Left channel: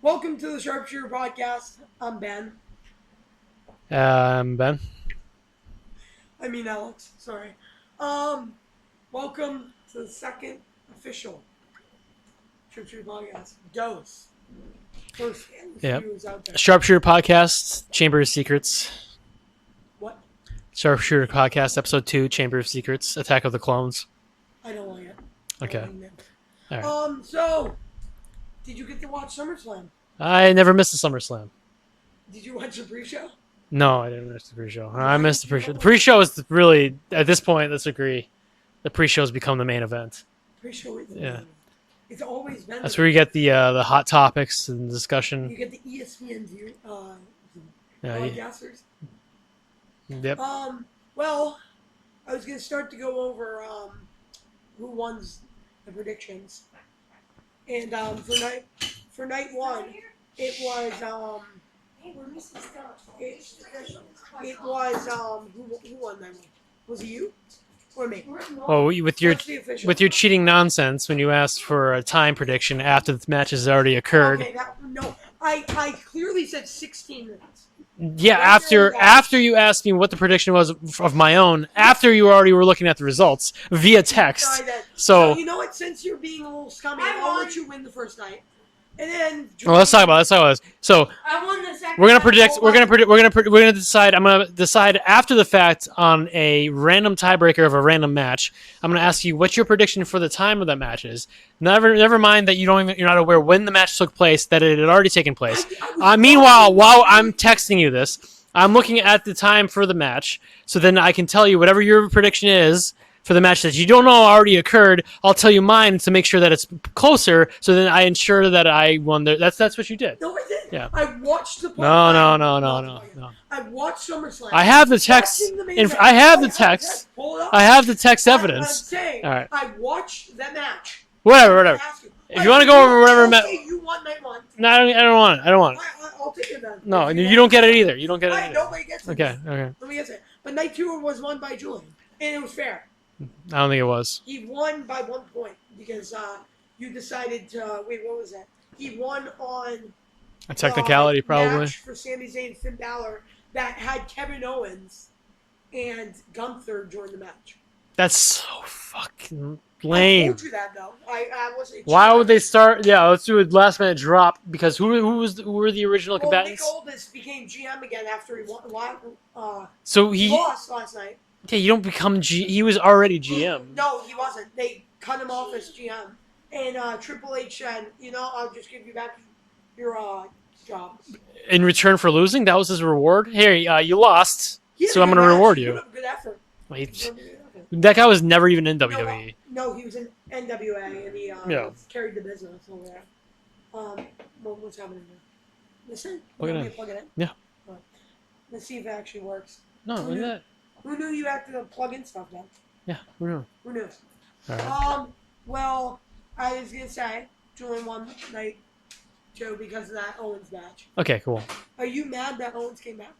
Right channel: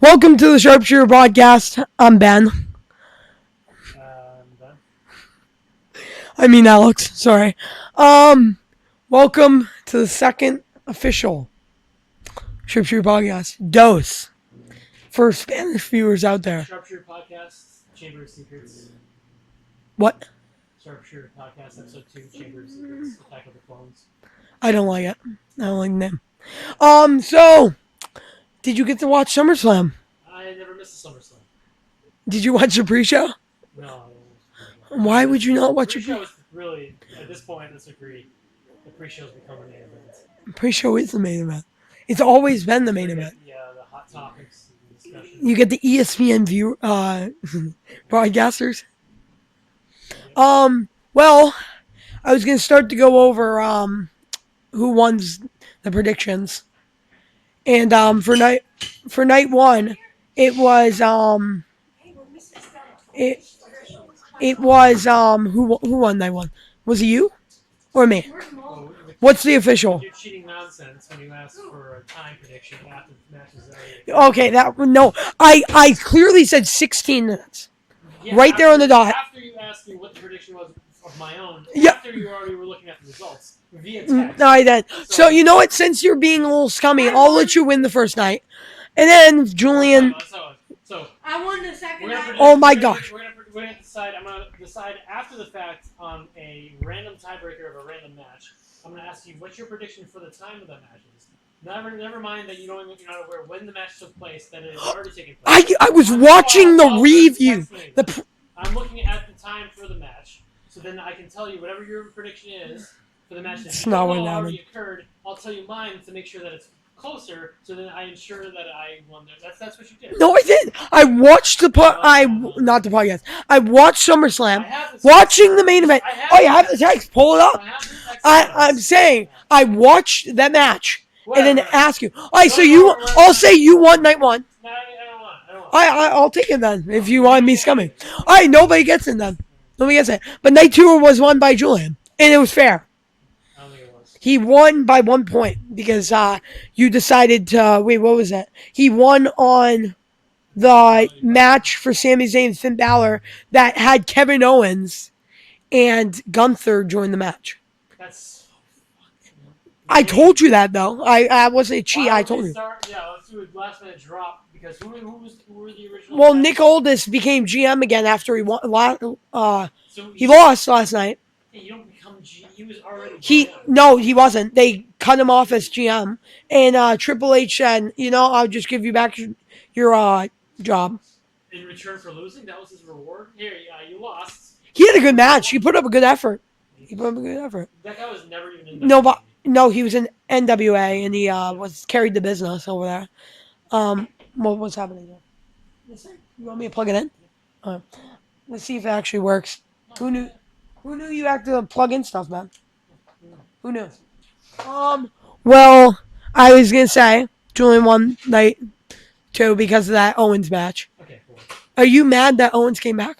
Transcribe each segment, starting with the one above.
Welcome to the Sharpshooter Podcast. I'm Ben. Ben. I mean Alex. Sorry. Welcome to the second official Sharpshooter Podcast. Dose for Spanish viewers out there. Sharpshooter Podcast, Chamber of Secrets. What? Sharpshooter Podcast, Episode 2, Chamber of Secrets, Attack of the Clones. I don't like it. I don't like the name. Right. So, did you get to watch SummerSlam? I never missed a SummerSlam. Did you watch the pre-show? No, I didn't miss the pre-show. Why would you not watch the pre-show? Is really, at this point, let's agree, the pre-show has become the main event. Pre-show is the main event. It's always been the That's main where you event. get the hot topics and discussion. You get the ESPN view broadcasters. Yep. Well, I was gonna start to go over who won the predictions, and for night one, it was it was who won night one? Was it you or me? Well, with your, What's the official? With your cheating nonsense when you asked for a time prediction after the match has already occurred. Okay, I clearly said 16 minutes. Yeah, right there on the dot. After you asked me what the prediction was of my own, after you already were looking at the results via text. No, I did. So you know what? Since you're being a little scummy, I'll let you win the first night, and then Julian. Let's talk about this. So I won the second. we're gonna predict. Oh my We're gonna decide. I'm gonna decide after the fact on a random tiebreaker of a random match. I'm gonna ask you what your prediction for the time of that match is. Never mind that you're not aware when the match took place, that it had already taken place. I was meanwhile, watching the while I'm review. texting you this, I'm looking at the time for the match, so then I can tell you whatever your prediction is for the match that you don't know already occurred. I'll tell you mine to make sure that it's closer, so then I ensure that I won. That's what you did. No, I did. Yeah. I watched the podcast. No, not the podcast. no. I watched SummerSlam. I have the text. Watching the main event. I have Oh, you the text. Pull it up. I have the text evidence. I'm saying All right. I watched that match. Whatever, and then whatever. ask you. All right, you so wanna go over whatever I'll ma- say you won night one. No, I don't want it. I don't want it. I'll take it then. No, if you you want don't me get it scummy. either. You don't get All it. right, nobody gets it Okay, then. okay. Nobody gets it. But night two was won by Julian, and it was fair. I don't think it was. He won by 1 point because you decided to wait. What was that? He won on A technicality, the probably. match for Sami Zayn and Finn Balor that had Kevin Owens and Gunther join the match. That's so fucking lame. I told you that though. I wasn't a cheat. Why I would they told you. start? Yeah, let's do a last minute drop because who were the original? Well, combatants? Nick Aldis became GM again after he won. So He lost last night. Yeah, you don't become G. He was already GM. No, he wasn't. They cut him off as GM, and Triple H said, I'll just give you back your job. In return for losing, that was his reward. Here, you lost. He had so a I'm good gonna match. reward He you. put up a good effort. Wait, He put up a good effort. that guy was never even in WWE. No, he was in NWA, and he carried the business over there. What's happening here? Listen, you Plug it want me in. to plug it in? Yeah. Let's see if it actually works. No, Who look knew? at that. Who knew you had to plug in stuff, man? Yeah, who knew? Who knew? All right. Well, I was gonna say Julian won night two because of that Owens match. Okay, cool. Are you mad that Owens came back?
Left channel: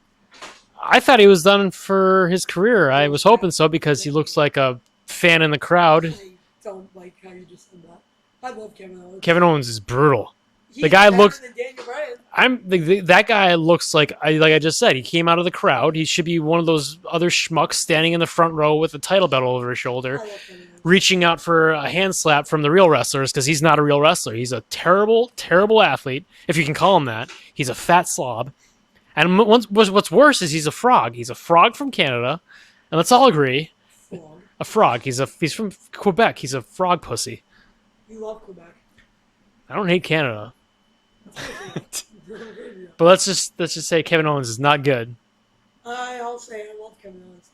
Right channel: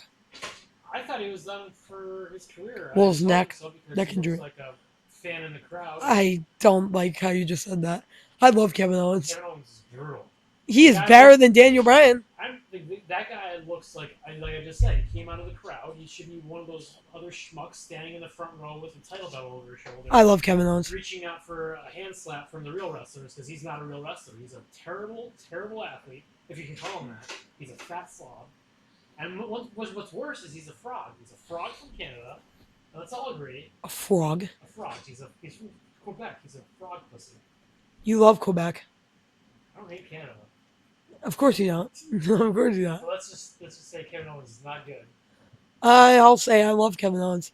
I thought he was done for his career. I Well, was neck- hoping so because neck he looks injury. like a fan in the crowd. I don't like how you just said that. I love Kevin Owens. Kevin Owens is brutal. he the is guy better looks- than Daniel Bryan. That guy looks like I just said. He came out of the crowd. He should be one of those other schmucks standing in the front row with a title belt over his shoulder, I love Kevin Owens. reaching out for a hand slap from the real wrestlers because he's not a real wrestler. He's a terrible, terrible athlete, if you can call him that. He's a fat slob. And what's worse is he's a frog. He's a frog from Canada, and let's all agree, A frog. a frog. He's from Quebec. He's a frog pussy. You love Quebec. I don't hate Canada, Of course you don't. Of course you don't. but let's just say Kevin Owens is not good. I'll say I love Kevin Owens.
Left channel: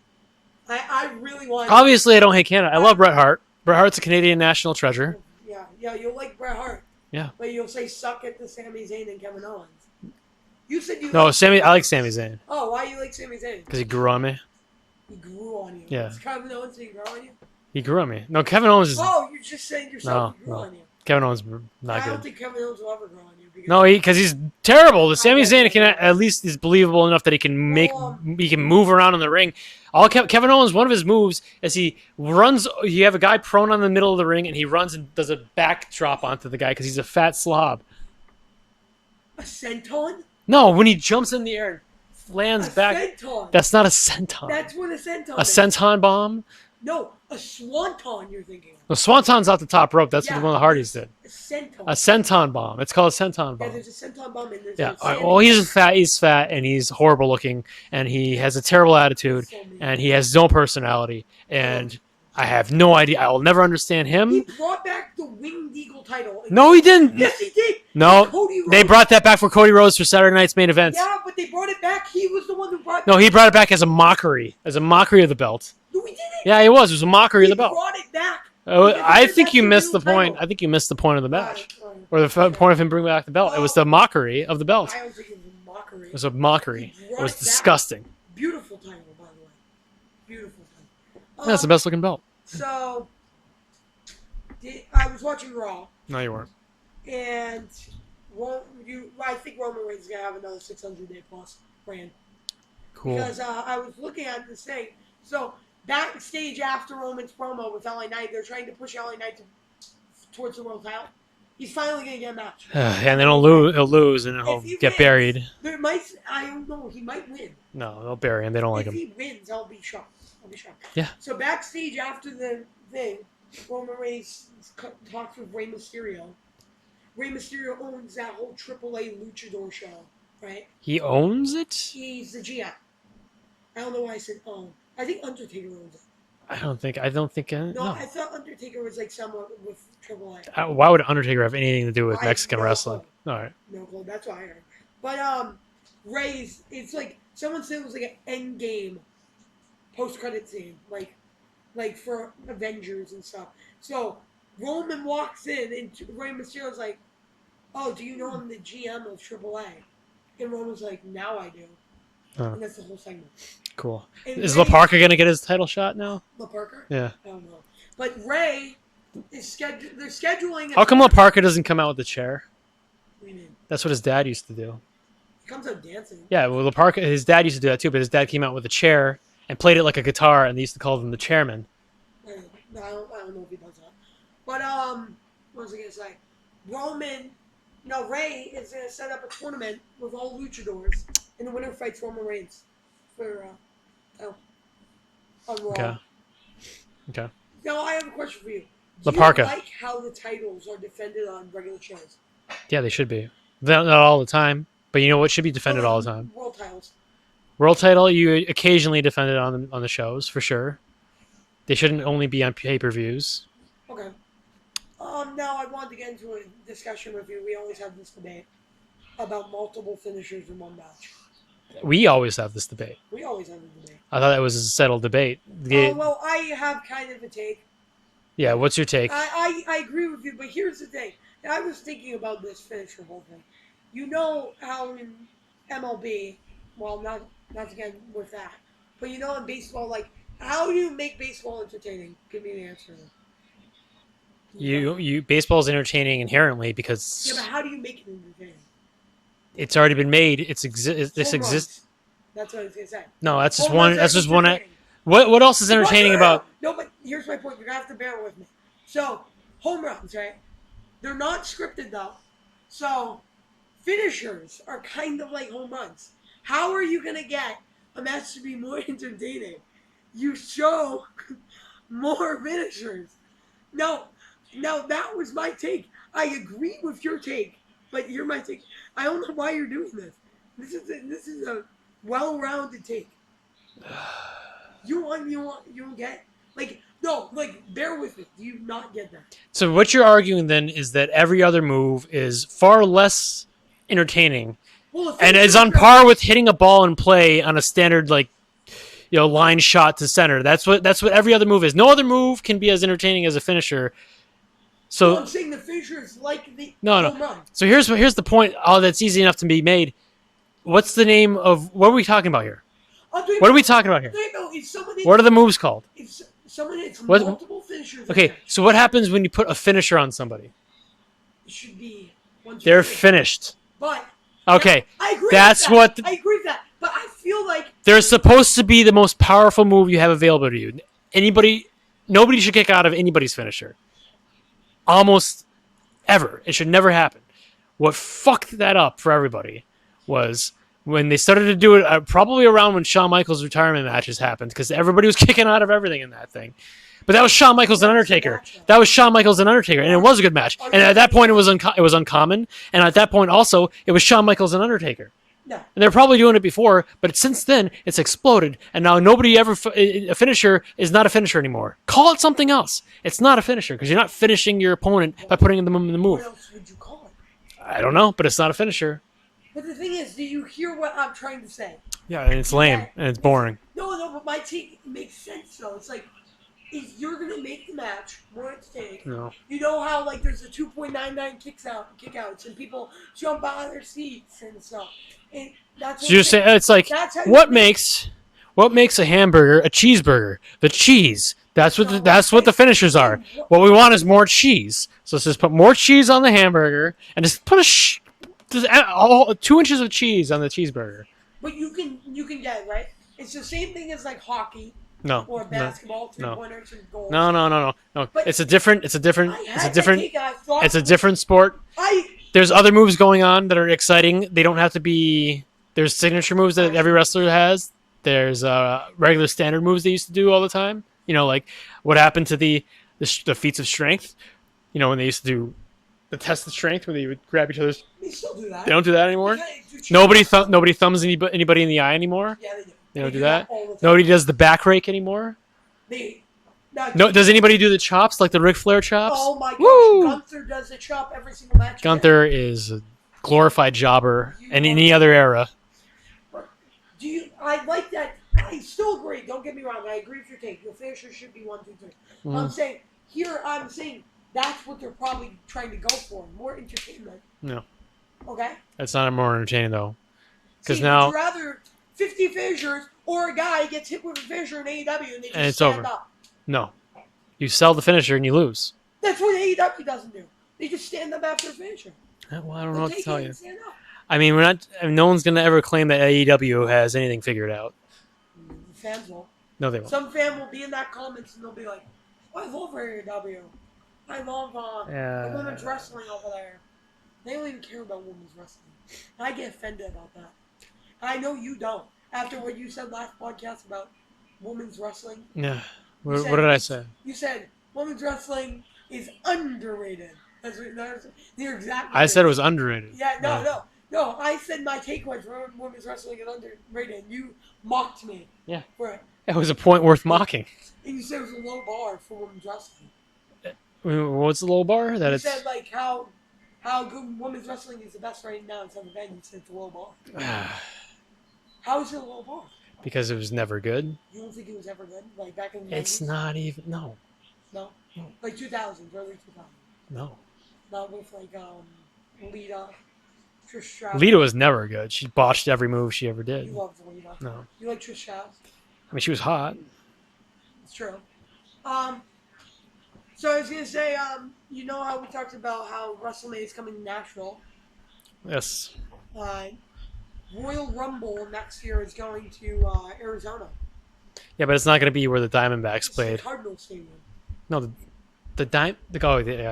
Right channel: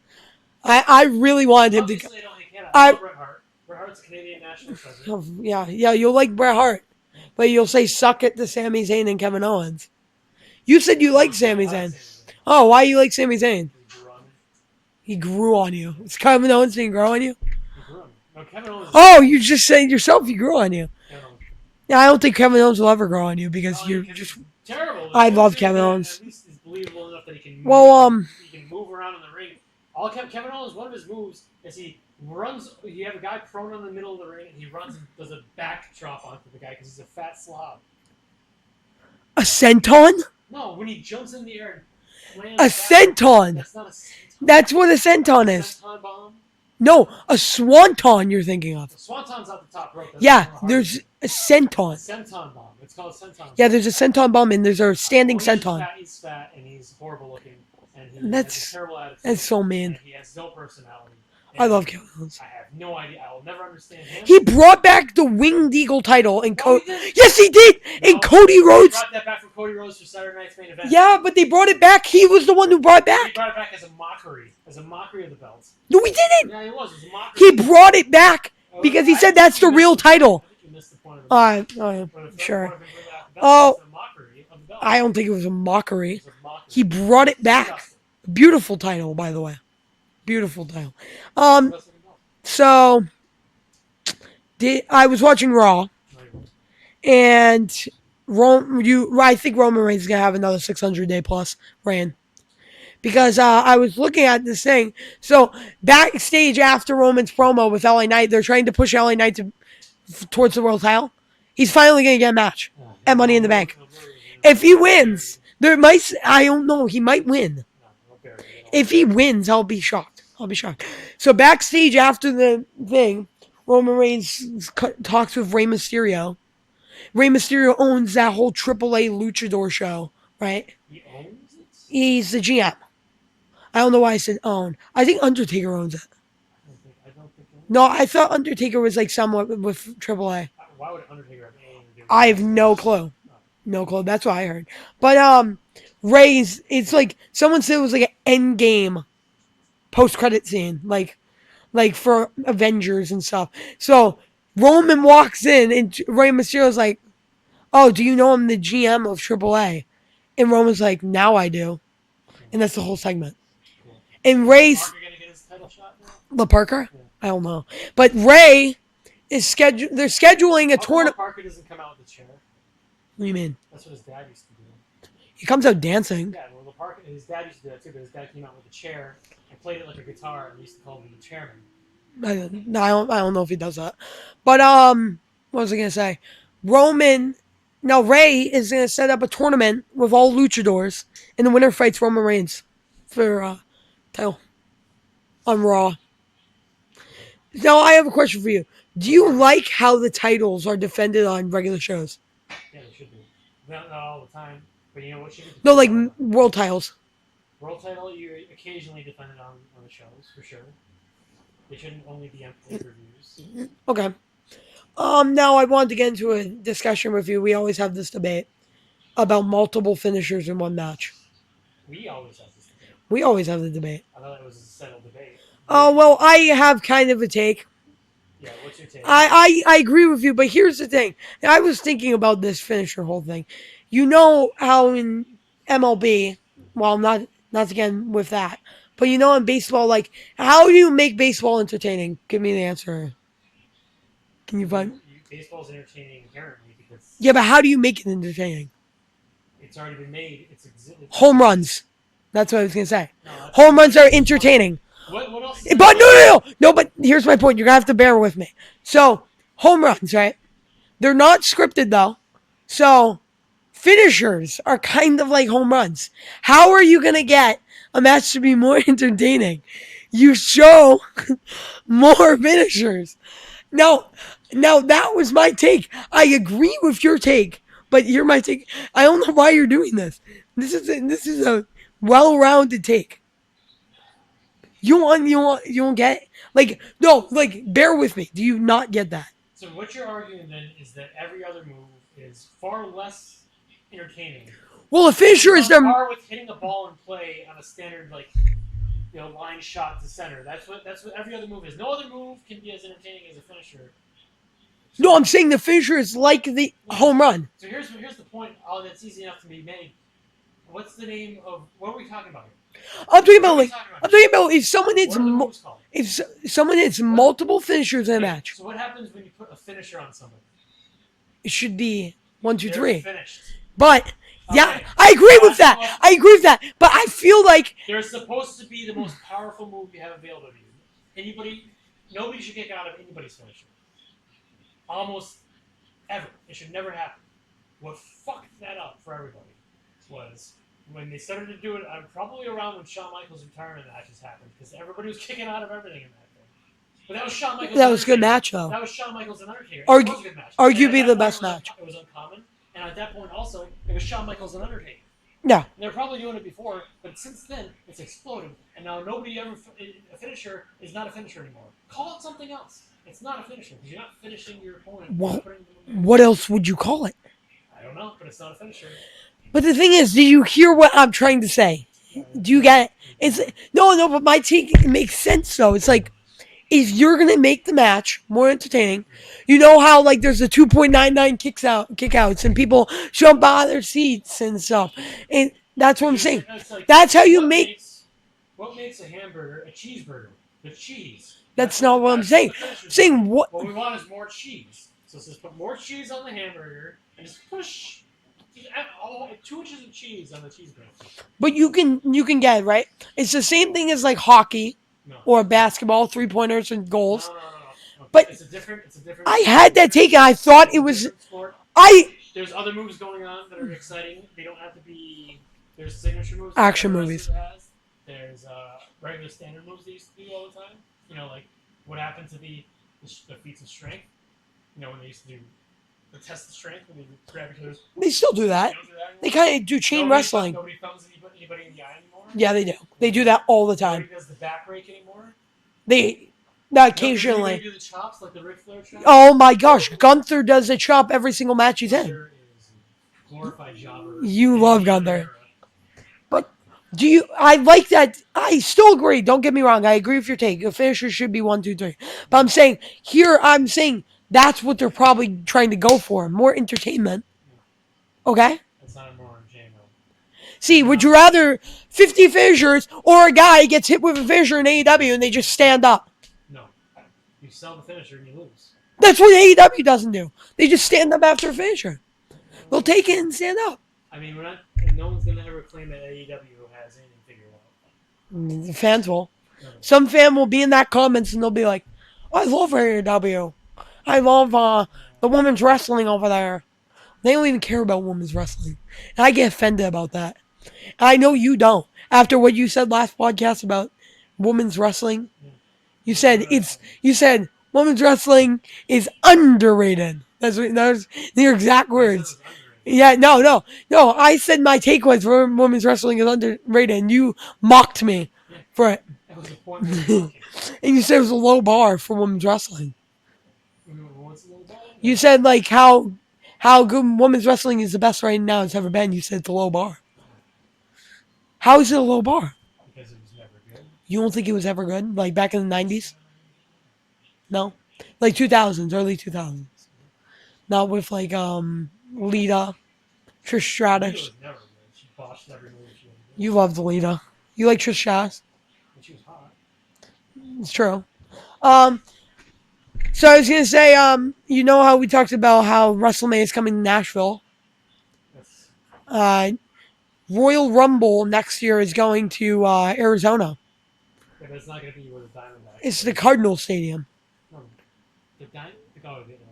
I really wanted to Obviously, I don't hate Canada. I love Bret Hart. Bret Hart's a Canadian national treasure. Yeah, you'll like Bret Hart. Yeah. But you'll say suck it to Sami Zayn and Kevin Owens. You said you No, like Sami Zayn. I like Sami Zayn Oh, why you like Sami Zayn? because he grew on me. He grew on you. Yeah. Kevin Owens didn't grow on you? He grew on me. No, Kevin Owens is Oh, you just said yourself No. he grew on you. Kevin Owens. Yeah, I don't think Kevin Owens will ever grow on you because No, because he's terrible. The I Sami love Zayn Kevin Owens. at least is believable enough that he can Well, he can move around in the ring. Kevin Owens, one of his moves is he runs. You have a guy prone on the middle of the ring, and he runs and does a backdrop onto the guy because he's a fat slob. A senton? No, when he jumps in the air and lands A back. senton. That's not a senton. That's what a senton a is. senton bomb. No, a swanton you're thinking of. The swanton's off the top rope. That's Yeah, one of the hardest. there's a senton. A senton bomb. It's called a senton bomb. Yeah, there's a senton bomb and there's a standing Well, senton. he's fat, and he's horrible looking, and he has a That's- terrible attitude. that's so mean. And he has no personality. And I love Kevin Owens. I have no idea. I will never understand him. He brought back the Winged Eagle title. And No, he didn't. Yes, he did. No, and Cody Rhodes. They brought that back for Cody Rhodes for Saturday night's main event. Yeah, but they brought it back. He was the one who brought it back. No, he brought it back as a mockery of the belt. No, he didn't. Yeah, he was. It was a mockery He of the belt. brought it back Oh, because I he said think that's you the missed real point. title. I think you missed the point of the match. Or the sure. point of him bringing back the belt. Oh. It was the mockery of the belt. I don't think it was a mockery. It was a mockery. He brought was it back. Disgusting. Beautiful title, by the way. Beautiful title. That's the best looking belt. So, I was watching Raw, No, you weren't. and I think Roman Reigns is gonna have another 600-day plus reign. Because I was looking at this thing. So backstage after Roman's promo with LA Knight, they're trying to push LA Knight towards the world title. He's finally gonna get a match. And Money in the Bank. he'll lose. And If he he'll get wins, buried. there might. I don't know. He might win. No, they'll bury him. They don't. If like he it. wins, I'll be shocked. I'll be shocked. Yeah. So backstage after the thing, Roman Reigns talks with Rey Mysterio. Rey Mysterio owns that whole AAA Luchador show, right? He owns it. He's the GM. I don't know why I said own. I think Undertaker owns it. I don't think. No, I thought Undertaker was like somewhat with AAA. Why would Undertaker have anything to do with I have Mexican no wrestling? clue. All right. No clue. That's what I heard. But Ray's, it's like someone said it was like an end game post credit scene, like for Avengers and stuff. So Roman walks in and Rey Mysterio's like, "Oh, do you know I'm the GM of AAA?" And Roman's like, "Now I do." And that's the whole segment. Cool. And Is Ray's Parker gonna get his title shot now? La Parker? Yeah. I don't know. But Ray is scheduled. They're scheduling a How come La tournament. Parker doesn't come out with the chair? What do you mean? That's what his dad used to do. He comes out dancing. Yeah, well, La Parker, his dad used to do that too, but his dad came out with a chair and played it like a guitar, and they used to call him the chairman. I don't know if he does that. But what was I gonna say? Ray is gonna set up a tournament with all luchadors, and the winner fights Roman Reigns for title on Raw. Okay. Now I have a question for you. Do you Parker. like how the titles are defended on regular shows? Yeah, they should be. Not all the time, but you know what should be No, defended like all the time? world titles. World title, you occasionally defend it on the shows for sure. They shouldn't only be on pay-per-views. Okay. Now I wanted to get into a discussion with you. We always have this debate about multiple finishers in one match. We always have this debate. We always have the debate. I thought that was a settled debate. Oh, well, I have kind of a take. Yeah, what's your take? I agree with you, but here's the thing. I was thinking about this finisher whole thing. You know how in MLB, well, not again with that, but you know in baseball, like, how do you make baseball entertaining? Give me the answer. Can you find? Baseball is entertaining inherently because Yeah, but how do you make it entertaining? it's already been made. Home runs. That's what I was gonna say. No, that's Home runs are that's just one- entertaining. What else is But entertaining? no, but here's my point. You're gonna have to bear with me. So home runs, right? They're not scripted though. So finishers are kind of like home runs. How are you gonna get a match to be more entertaining? You show more finishers. Now that was my take. I agree with your take, but you're my take. I don't know why you're doing this. This is a well-rounded take. You don't get bear with me. Do you not get that? So what you're arguing then is that every other move is far less entertaining Well, a and finisher is on the- par with hitting a ball in play on a standard line shot to center. That's what every other move is. No other move can be as entertaining as a finisher. So No, I'm saying the finisher is like the home run. So here's the point. Oh, that's easy enough to be made. What's the name of what are we talking about here? What are we talking about I'm here? talking about if someone hits What are the moves called? If someone hits multiple finishers in a Okay, match, so what happens when you put a finisher on somebody? it should be 1, 2, They're 3. finished. But Okay, yeah, I agree with that's that. what- I agree with that. But I feel like They're supposed to be the most powerful move you have available to you. Nobody should kick out of anybody's finisher. Almost ever. It should never happen. what fucked that up for everybody was when they started to do it, probably around when Shawn Michaels' retirement matches happened, because everybody was kicking out of everything in that thing. But that was Shawn Michaels and That was a good Undertaker. match, though. That was Shawn Michaels and Undertaker, and it was a good match. And arguably at that the point, it best was match. it was uncommon. And at that point, also, it was Shawn Michaels and Undertaker. Yeah. And they're probably doing it before, but since then, it's exploded. And now nobody ever... A finisher is not a finisher anymore. Call it something else. It's not a finisher, because you're not finishing your opponent by putting them in the move. What else would you call it? I don't know, but it's not a finisher. But the thing is, do you hear what I'm trying to say? Yeah, and it's Do you lame, get it? and it's boring. No, but my take makes sense, though. It's like, if you're going to make the match more entertaining, No. you know how, like, there's the 2.99 kickouts, and people jump out of their seats and stuff. And that's what So I'm you're saying. saying it's like That's how you what make- makes a hamburger a cheeseburger? The cheese. That's not what what I'm that's what saying. the finishers are. Saying what- What we want is more cheese. So let's just put more cheese on the hamburger and just put just 2 inches of cheese on the cheeseburger. But you can get it, right? It's the same thing as, like, hockey No. or basketball, three-pointers and goals. No. But it's a different. I had that take, and I thought It's it a was... different sport. There's other moves going on that are exciting. They don't have to be. There's signature moves that Action every wrestler movies. has. There's regular standard moves they used to do all the time. You know, like what happened to the feats of strength. You know, when they used to do the test of strength, where they would grab each other's. They still do that. They don't do that anymore. They kind of do chain Nobody wrestling. nobody thumbs anybody in the eye anymore. Yeah, they do. They don't do that all the time. Nobody does the back rake anymore. No, Does anybody do the chops like the Ric Flair chop? Oh my gosh, Woo! Gunther does a chop every single match he's in. Gunther is a glorified jobber You in love any other Gunther. era. But I like that. I still agree. Don't get me wrong. I agree with your take. Your finisher should be 1, 2, 3. But I'm saying that's what they're probably trying to go for. More entertainment. No, Okay? that's not more entertaining though. See, would now- you rather 50 finishers or a guy gets hit with a finisher in AEW and they just it's stand over. up? No, you sell the finisher and you lose. That's what AEW doesn't do. They just stand up after a finisher. Well, I don't know They'll what to take tell it you. and stand up. I mean, no one's gonna ever claim that AEW has anything figured out. The fans will. No, they won't. Some fan will be in that comments and they'll be like, I love AEW. I love Yeah. the women's wrestling over there. They don't even care about women's wrestling. And I get offended about that. And I know you don't. After what you said last podcast about women's wrestling, Yeah. you What said did I it's say? you said women's wrestling is underrated. That was your exact I words. said it was underrated. Yeah, no. I said my take was women's wrestling is underrated, and you mocked me Yeah. for it. It was a point worth mocking. And you said it was a low bar for women's wrestling. What's the low bar? That You it's- said like how good women's wrestling is the best right now it's ever been. You said it's a low bar. How is it a low bar? because it was never good. You don't think it was ever good? Like back in the It's 90s? not even. No. No? Like 2000s, early 2000s. No. Not with like Lita, Trish Stratus. Lita was never good. She botched every move she ever did. You loved Lita. No. You like Trish Stratus. I mean, she was hot. It's true. So I was gonna say, you know how we talked about how WrestleMania is coming to Nashville. Yes. Royal Rumble next year is going to Arizona. Yeah, but it's not going to be where the Diamondbacks It's played. the Cardinal Stadium. No, the yeah.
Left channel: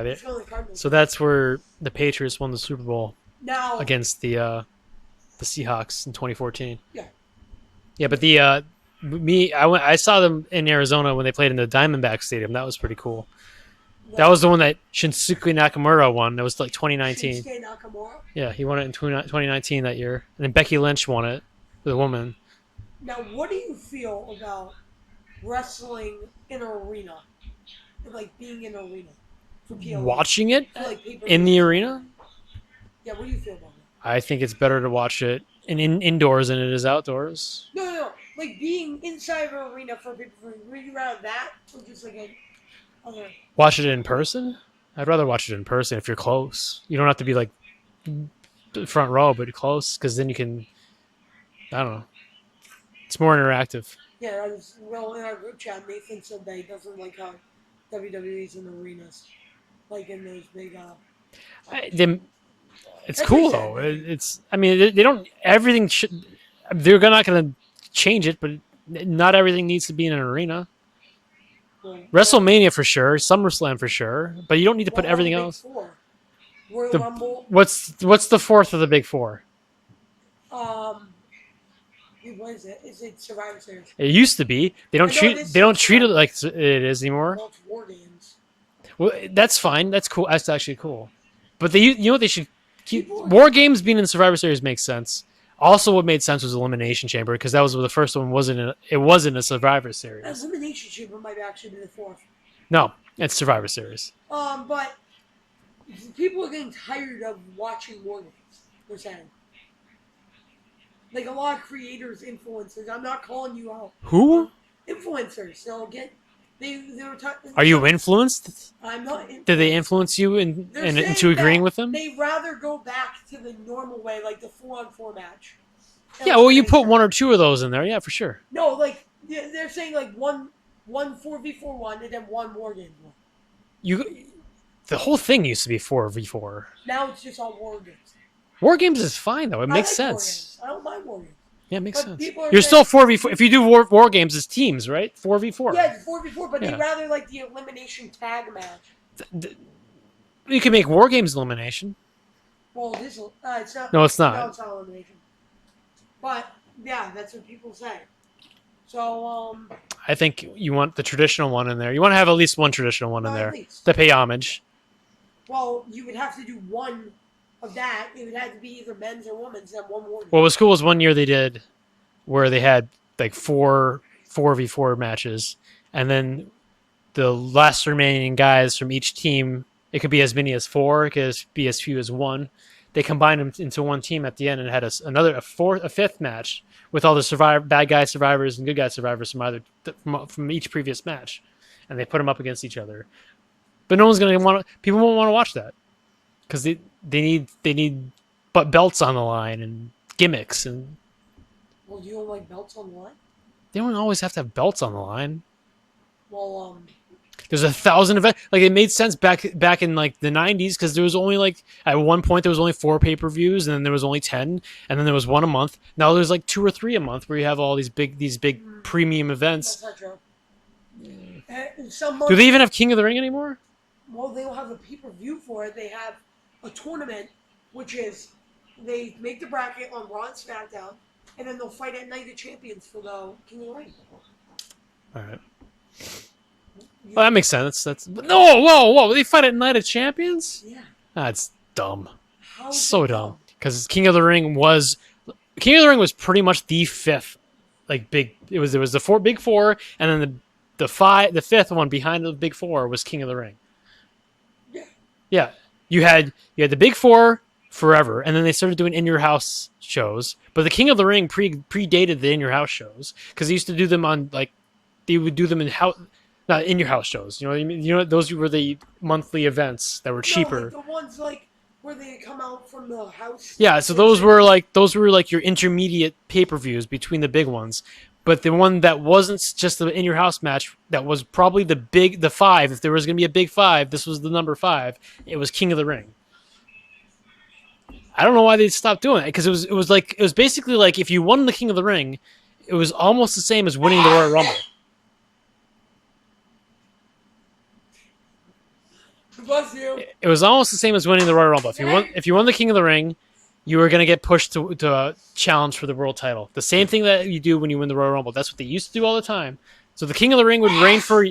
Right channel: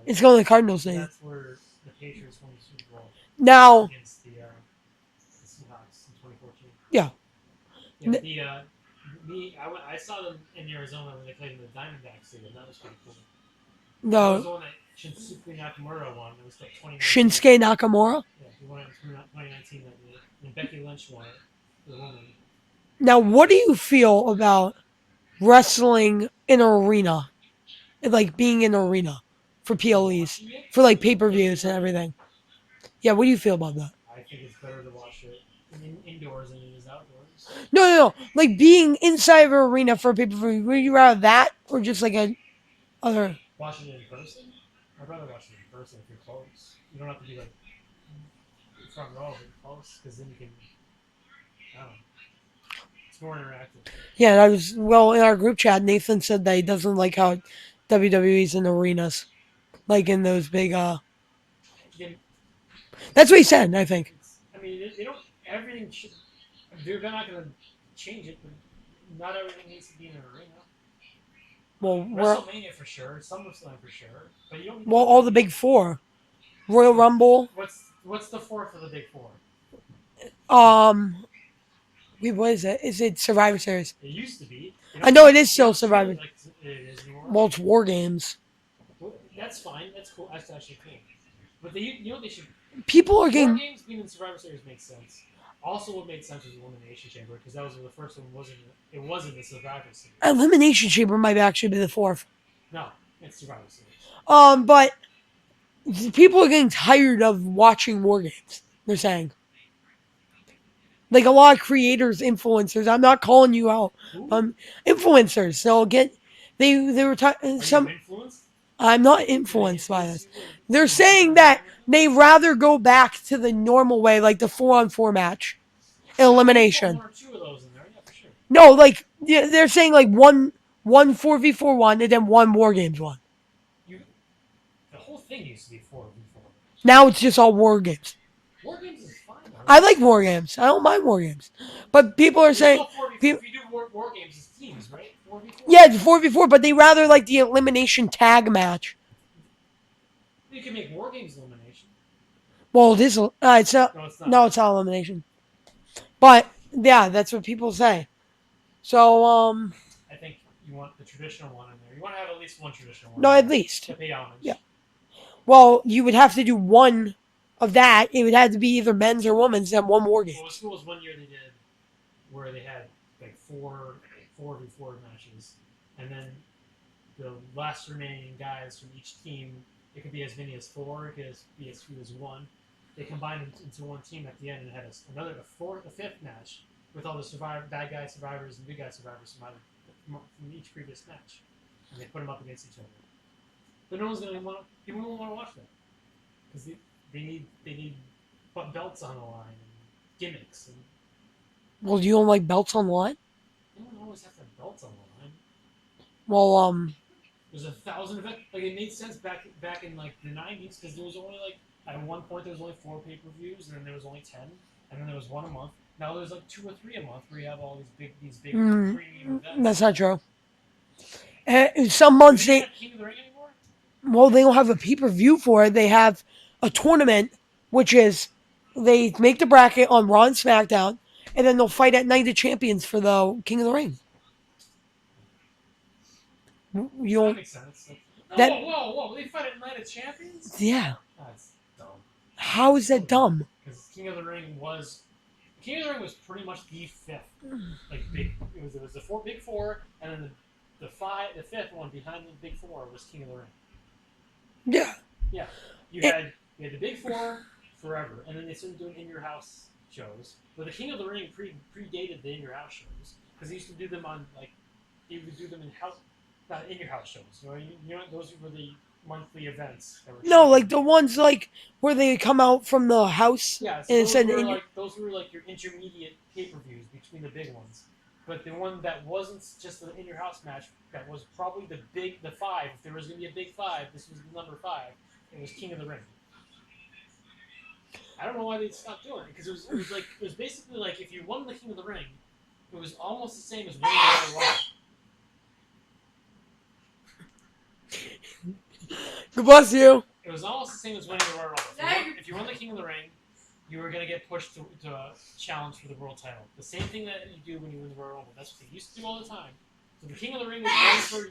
It's going to the Cardinal So Stadium. that's where the Patriots won the Super Bowl Now, against the Seahawks in 2014. yeah. Yeah, but I saw them in Arizona when they played in the Diamondback Stadium. That was pretty cool. No, That was the one that Shinsuke Nakamura won. That was like 2019. Shinsuke Nakamura. Yeah, he won it in 2019 that year. And then Becky Lynch won it, the woman. Now, what do you feel about wrestling in an arena? Like being in an arena for PLE. Watching it, For like pay-per-views in the and arena? everything. Yeah, what do you feel about that? I think it's better to watch it indoors than it is outdoors. No. Like being inside of an arena for a pay-per-view. Would you rather that or just like a other... Watch it in person? I'd rather watch it in person if you're close. You don't have to be like front row, but close, because then you can, I don't know. It's more interactive. Yeah, in our group chat, Nathan said that he doesn't like how WWE's in arenas. Like in those big, It's That's what he cool, said, though. I think. It's. I mean, they don't. Everything should. They're not going to change it, but not everything needs to be in an arena. well, WrestleMania for sure, SummerSlam for sure, but you don't need to well, put all the everything big else. four. Royal Rumble. What's the fourth of the big four? Wait, what is it? Is it Survivor Series? It used to be. They don't I know treat it is they don't still treat it Survivor. like it is anymore. Well, it's War Games. Well, that's fine. That's cool. That's actually cool. But you know what they should. People are War getting- Games being in Survivor Series makes sense. Also, what made sense was Elimination Chamber because that was the first one. It wasn't a Survivor Series. Elimination Chamber might actually be the fourth. No, it's Survivor Series. But people are getting tired of watching War Games. They're saying, like a lot of creators, influencers. I'm not calling you out. Who Influencers. They'll get. They were. are you influenced? I'm not influenced. Did they by influence it. you in, They're into saying that agreeing with them? they rather go back to the normal way, like the 4-on-4 match. Yeah, well, you Elimination. put one or two of those in there. Yeah, for sure. No, like yeah, they're saying like one 4v4 one and then one War Games one. The whole thing used to be 4v4. Now it's just all War Games. War Games is fine though. It I makes like sense. War Games. I don't mind War Games. Yeah, it makes But sense. people are You're saying still 4v4. If you do war games, it's teams, right? 4v4. yeah, it's 4v4, but they Yeah. rather like the elimination tag match. You can make war games elimination. Well, this it's not. No, it's not. No, it's not elimination. But yeah, that's what people say. So I think you want the traditional one in there. You want to have at least one traditional one no, in there. at least. To pay homage. Yeah. Well, you would have to do one of that. It would have to be either men's or women's and one War Game. What was cool was one year they did where they had like 4v4 matches, and then the last remaining guys from each team, it could be as many as 4, it could be as few as 1. They combined them into one team at the end and had a fifth match with all the bad guy survivors and good guy survivors from each previous match, and they put them up against each other. But no one's gonna want. People won't want to watch that because they need but belts on the line and gimmicks, and Well, you don't like belts on the line? they don't always have to have belts on the line. Well, There's 1,000 events. Like it made sense back in like the 90s because there was only like at one point there was only 4 pay-per-views and then there was only 10 and then there was one a month. Now there's like 2 or 3 a month where you have all these big premium events. that's not true. Some months Do they even have King of the Ring anymore? well, they don't have a pay-per-view for it. They have a tournament, which is they make the bracket on Raw and SmackDown, and then they'll fight at Night of Champions for the King of the Ring. All right. You- Well, that makes sense. Whoa! They fight at Night of Champions? yeah. That's dumb. How is So it dumb? Because King of the Ring was pretty much the fifth, like big. There was the big four, and then the fifth one behind the big four was King of the Ring. Yeah. Yeah, you had the big four forever, and then they started doing in your house shows. But the King of the Ring predated the in your house shows because they used to do them on like they would do them in house. Not in your house shows, you know what I mean? You know those were the monthly events that were cheaper. No, like the ones like where they come out from the house. Yeah, so and those it's were like your intermediate pay-per-views between the big ones. But the one that wasn't just the in your house match, that was probably the 5. If there was going to be a big 5, this was the number 5. It was King of the Ring. I don't know why they stopped doing it because it was basically like if you won the King of the Ring, it was almost the same as winning the Royal Rumble. God bless you. It was almost the same as winning the Royal Rumble. If you won the King of the Ring, you were going to get pushed to challenge for the world title. The same thing that you do when you win the Royal Rumble. That's what they used to do all the time. So the King of the Ring would reign for.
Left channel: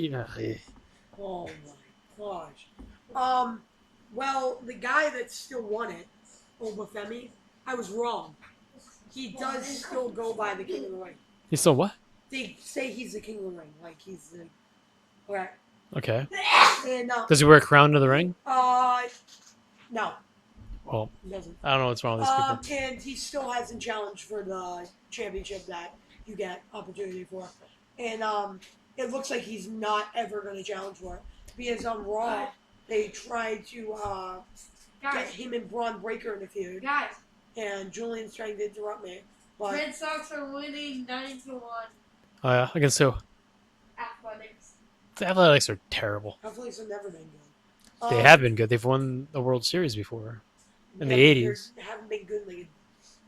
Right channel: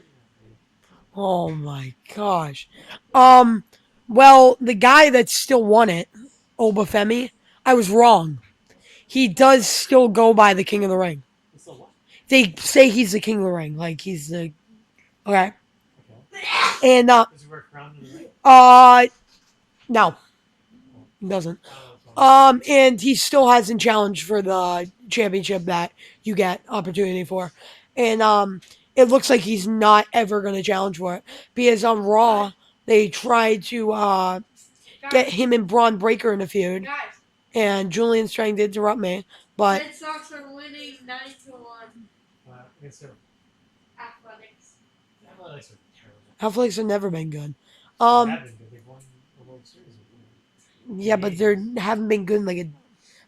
Oh my gosh. Well, the guy that still won it, Obafemi, I was wrong. He does still go by the King of the Ring. So what? They say he's the King of the Ring, like he's the okay. Okay. And Does he wear a crown to the ring? no, Well, he doesn't. I don't know what's wrong with this. And he still hasn't challenged for the championship that you get opportunity for. And it looks like he's not ever going to challenge for it because on Raw they tried to get him and Braun Breaker in a feud, Guys, and Julian's trying to interrupt me, but Red Sox are winning 9-1 Oh yeah, against who? Athletics. The Athletics are terrible. Athletics have never been good. They have been good. They've won the World Series before. Yeah, the but 80s. they haven't been good in like a.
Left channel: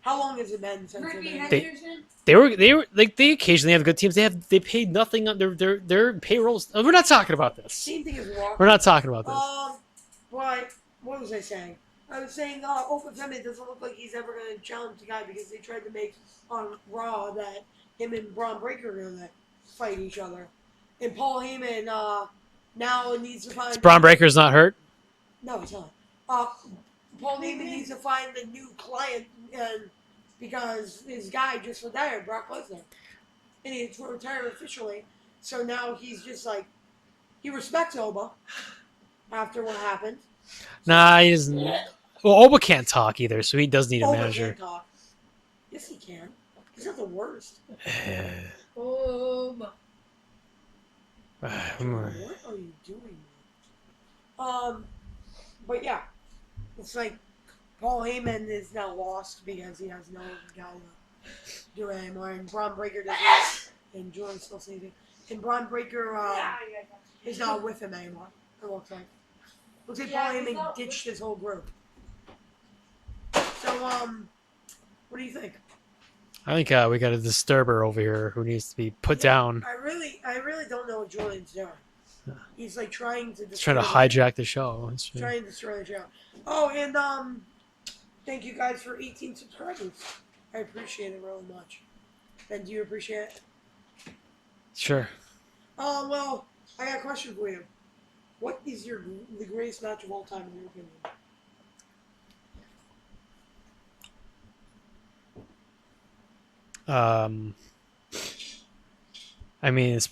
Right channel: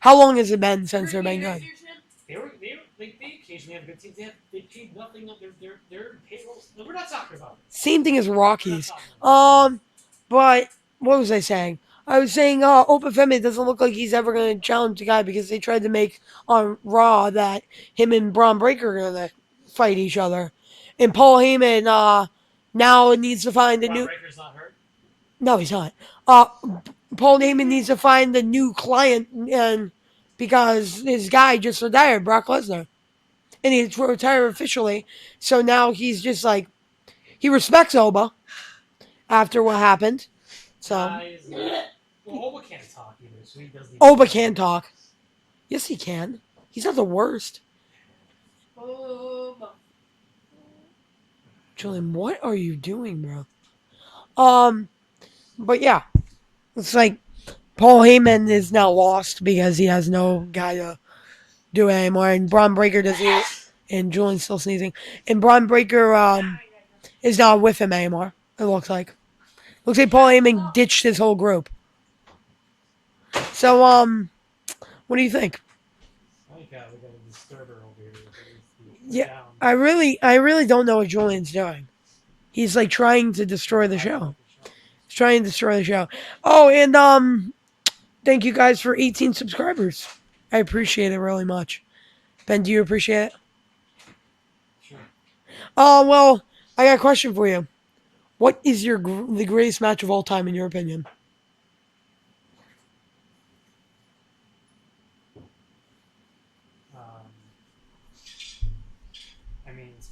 How long has it been since they've been Ricky good? Henderson, They were like they occasionally have good teams. They paid nothing on their payrolls. We're not talking about this. Same thing as Rocky. We're not talking about this. But what was I saying? I was saying, Opa Femi doesn't look like he's ever going to challenge the guy because they tried to make on Raw that him and Braun Breaker are going to fight each other. And Paul Heyman now needs to find a Braun new. Breaker's not hurt. No, he's not. Paul Heyman needs to find a new client and because his guy just retired, Brock Lesnar. And he's retired officially. So now he's just like, he respects Oba after what happened. So, Nah, he doesn't. Well, Oba can't talk either, so he does need. A Oba manager. can talk. Yes, he can. He's not the worst. Boom. Julian, what are you doing, bro? But yeah, it's like Paul Heyman is now lost because he has no guy to do it anymore, and Braun Breaker doesn't. And Julian's still sneezing. And Braun Breaker is not with him anymore. It looks like. Looks like Paul Heyman ditched his whole group. So what do you think? I think we got a disturber over here who needs to be put Yeah, down. I really don't know what Julian's doing. He's like trying to destroy Trying to the show. hijack the show. It's- Trying to destroy the show. Oh, and thank you guys for 18 subscribers. I appreciate it really much. Ben, do you appreciate it? Sure. Oh, well, I got a question for you. What is the greatest match of all time in your opinion? I mean, it's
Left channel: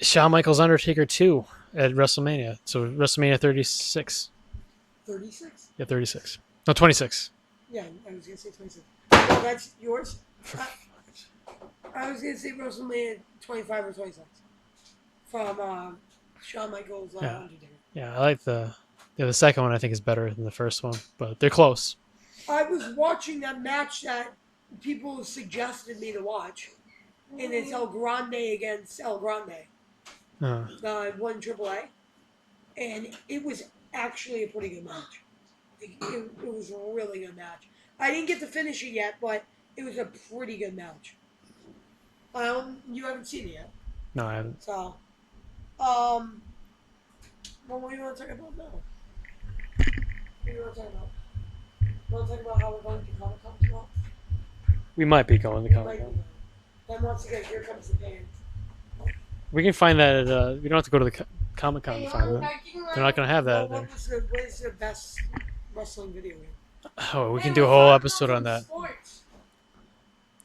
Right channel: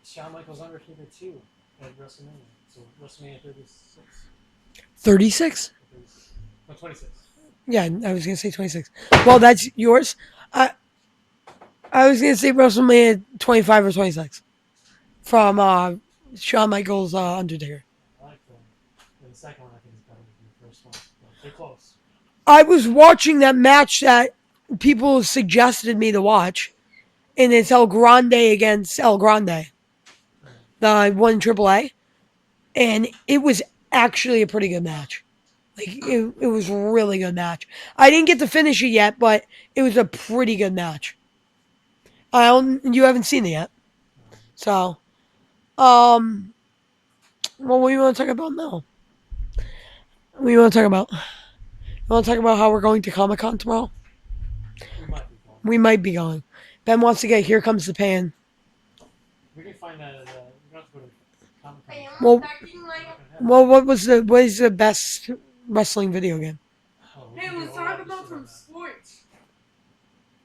Shawn Michaels Undertaker 2 at WrestleMania. So WrestleMania 36. 36? Yeah, 36. No, 26. Yeah, I was gonna say 26. Well, that's yours. I was gonna say WrestleMania 25 or 26 from Shawn Michaels Undertaker. Yeah, I like the second one. I think is better than the first one, but they're close. I was watching that match that people suggested me to watch, and it's El Grande against El Grande, the one AAA, and it was actually a pretty good match. Like it was a really good match. I didn't get to finish it yet, but it was a pretty good match. You haven't seen it yet, No, I haven't. so well, what do you want to talk about now? What do you want to talk about? You want to talk about how we're going to Comic-Con tomorrow? We might be going. We might be going. Ben wants to get Here Comes the Pain. We can find that. We don't have to go to the Comic Con. Well, They're not gonna have that. Well, what is the best wrestling video game? Oh, we can do a whole episode on that.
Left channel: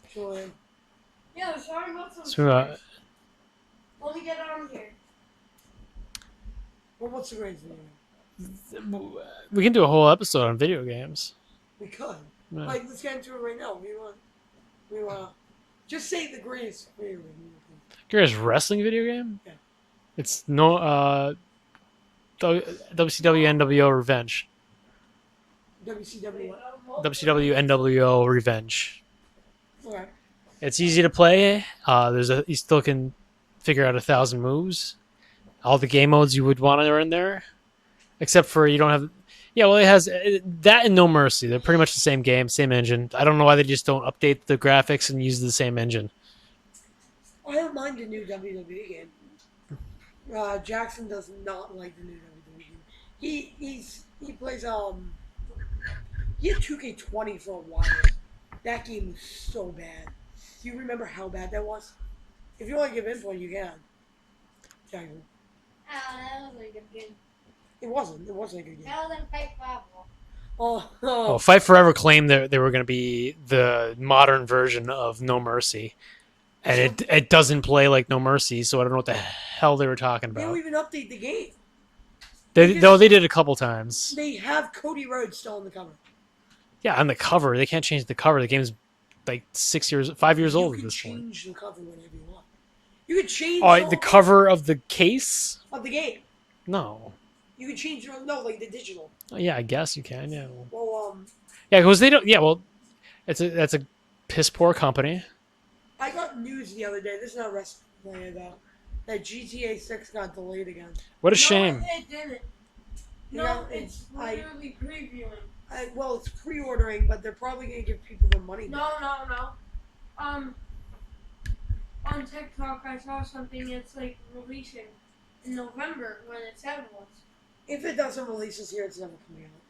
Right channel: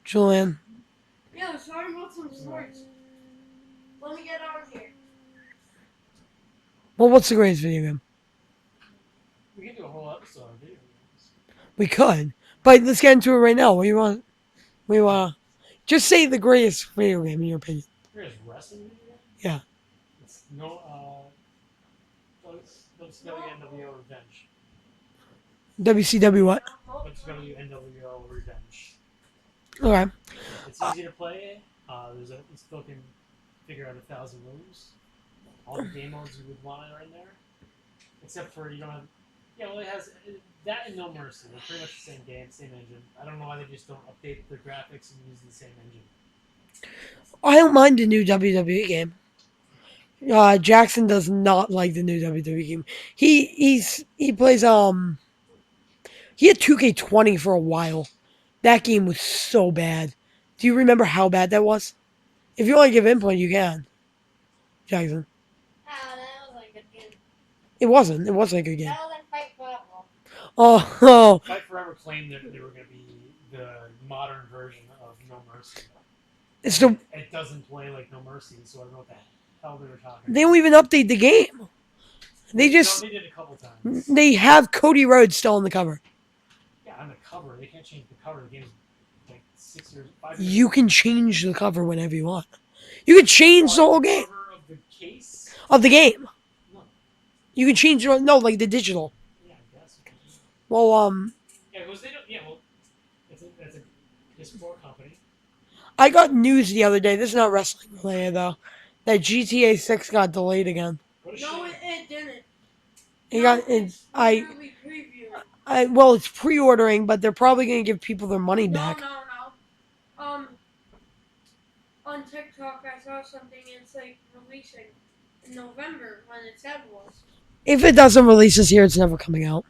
Julian. Yeah, let's talk about some So, sports. Let me get on here. Well, what's the greatest video game? We can do a whole episode on video games. We could, but let's get into it right now. What do you want? We want. Just say the greatest video game in your opinion. Greatest wrestling video game? Yeah. It's WCW NWO Revenge. WCW what? WCW NWO Revenge. Okay. It's easy to play. You still can figure out 1,000 moves. All the game modes you would want are in there, except for you don't have. Yeah, well, it has that and No Mercy. They're pretty much the same game, same engine. I don't know why they just don't update the graphics and use the same engine. I don't mind the new WWE game. Jackson does not like the new WWE game. He plays he had 2K20 for a while. That game was so bad. Do you remember how bad that was? If you want to give input, you can. Jackson. Oh, that was a good game. It wasn't. It wasn't a good game. That was in Fight Forever. Oh, Well, Fight Forever claimed that they were going to be the modern version of No Mercy. It's And it doesn't play like No Mercy, so I don't know what the hell they were talking they about. don't even update the game. They No, they did a couple times. They have Cody Rhodes still on the cover. Yeah, on the cover. They can't change the cover. The game's like 5 years old. You can change the cover whenever you want. You can change the Oh, whole the game cover of the case? of the game. No. You can change like the digital. Yeah, I guess you can. Yeah. Well, Yeah, because they don't. Yeah, well, that's a piss poor company. I got news the other day. This is not wrestling related though. That GTA 6 got delayed again. What a shame. No, it didn't. It No, got it's I literally previewing. well, it's pre-ordering, but they're probably gonna give people their money back. No. On TikTok, I saw something. It's like releasing in November when it said was. If it doesn't release this year, it's never coming out.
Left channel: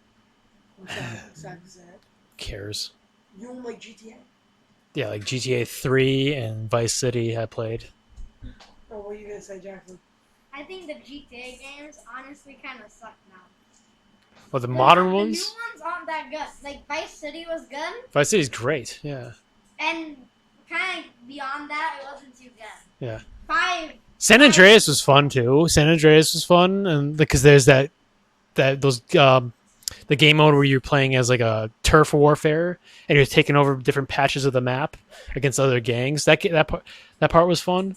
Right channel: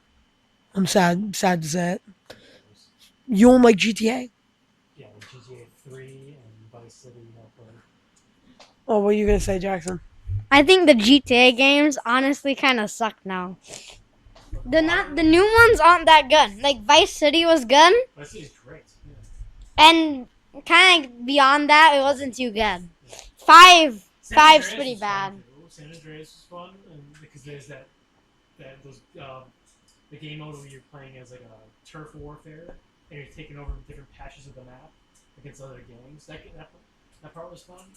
I'm sad to say it. Who cares? You don't like GTA? Yeah, like GTA 3 and Vice City I played. Oh, what are you gonna say, Jackson? I think the GTA games honestly kind of suck now. Well, the The, modern the ones? new ones aren't that good. Like Vice City was good, Vice City's great. Yeah. and kind of beyond that, it wasn't too good. Yeah. San Five's Andreas pretty was fun bad. too. San Andreas was fun, and because there's the game mode where you're playing as like a turf warfare, and you're taking over different patches of the map against other gangs. That part was fun,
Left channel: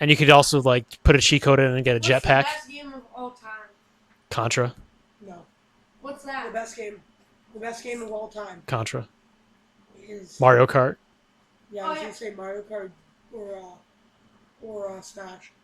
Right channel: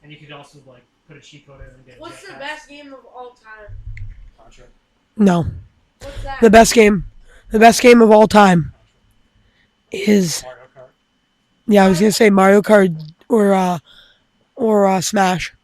and you could also like put a cheat code in and get a What's the jetpack. best game of all time? Contra, No. What's that? The best game of all time Contra, is Mario Kart. I was gonna say Mario Kart or Smash.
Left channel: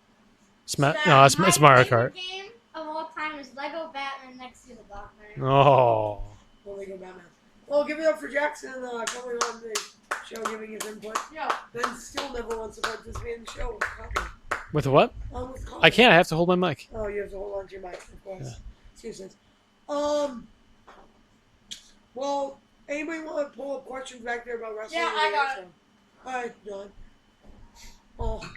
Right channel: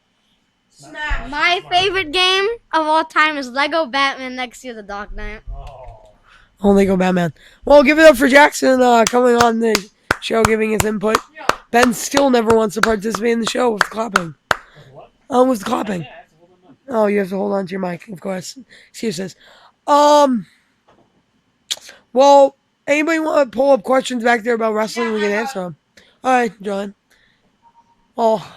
No, it's My Mario favorite Kart. game of all time is Lego Batman Next to the Dark Knight. Oh, Only go Batman. Well, give it up for Jackson coming on the show, giving his input. Yo, Ben still never wants to participate in the show with clapping. with what? With clapping. I can't. I have to hold my mic. Oh, you have to hold on to your mic, of course. Excuses. Well, anybody want to pull up questions back there about wrestling? Yeah, We I can got answer them. All right, John. Oh,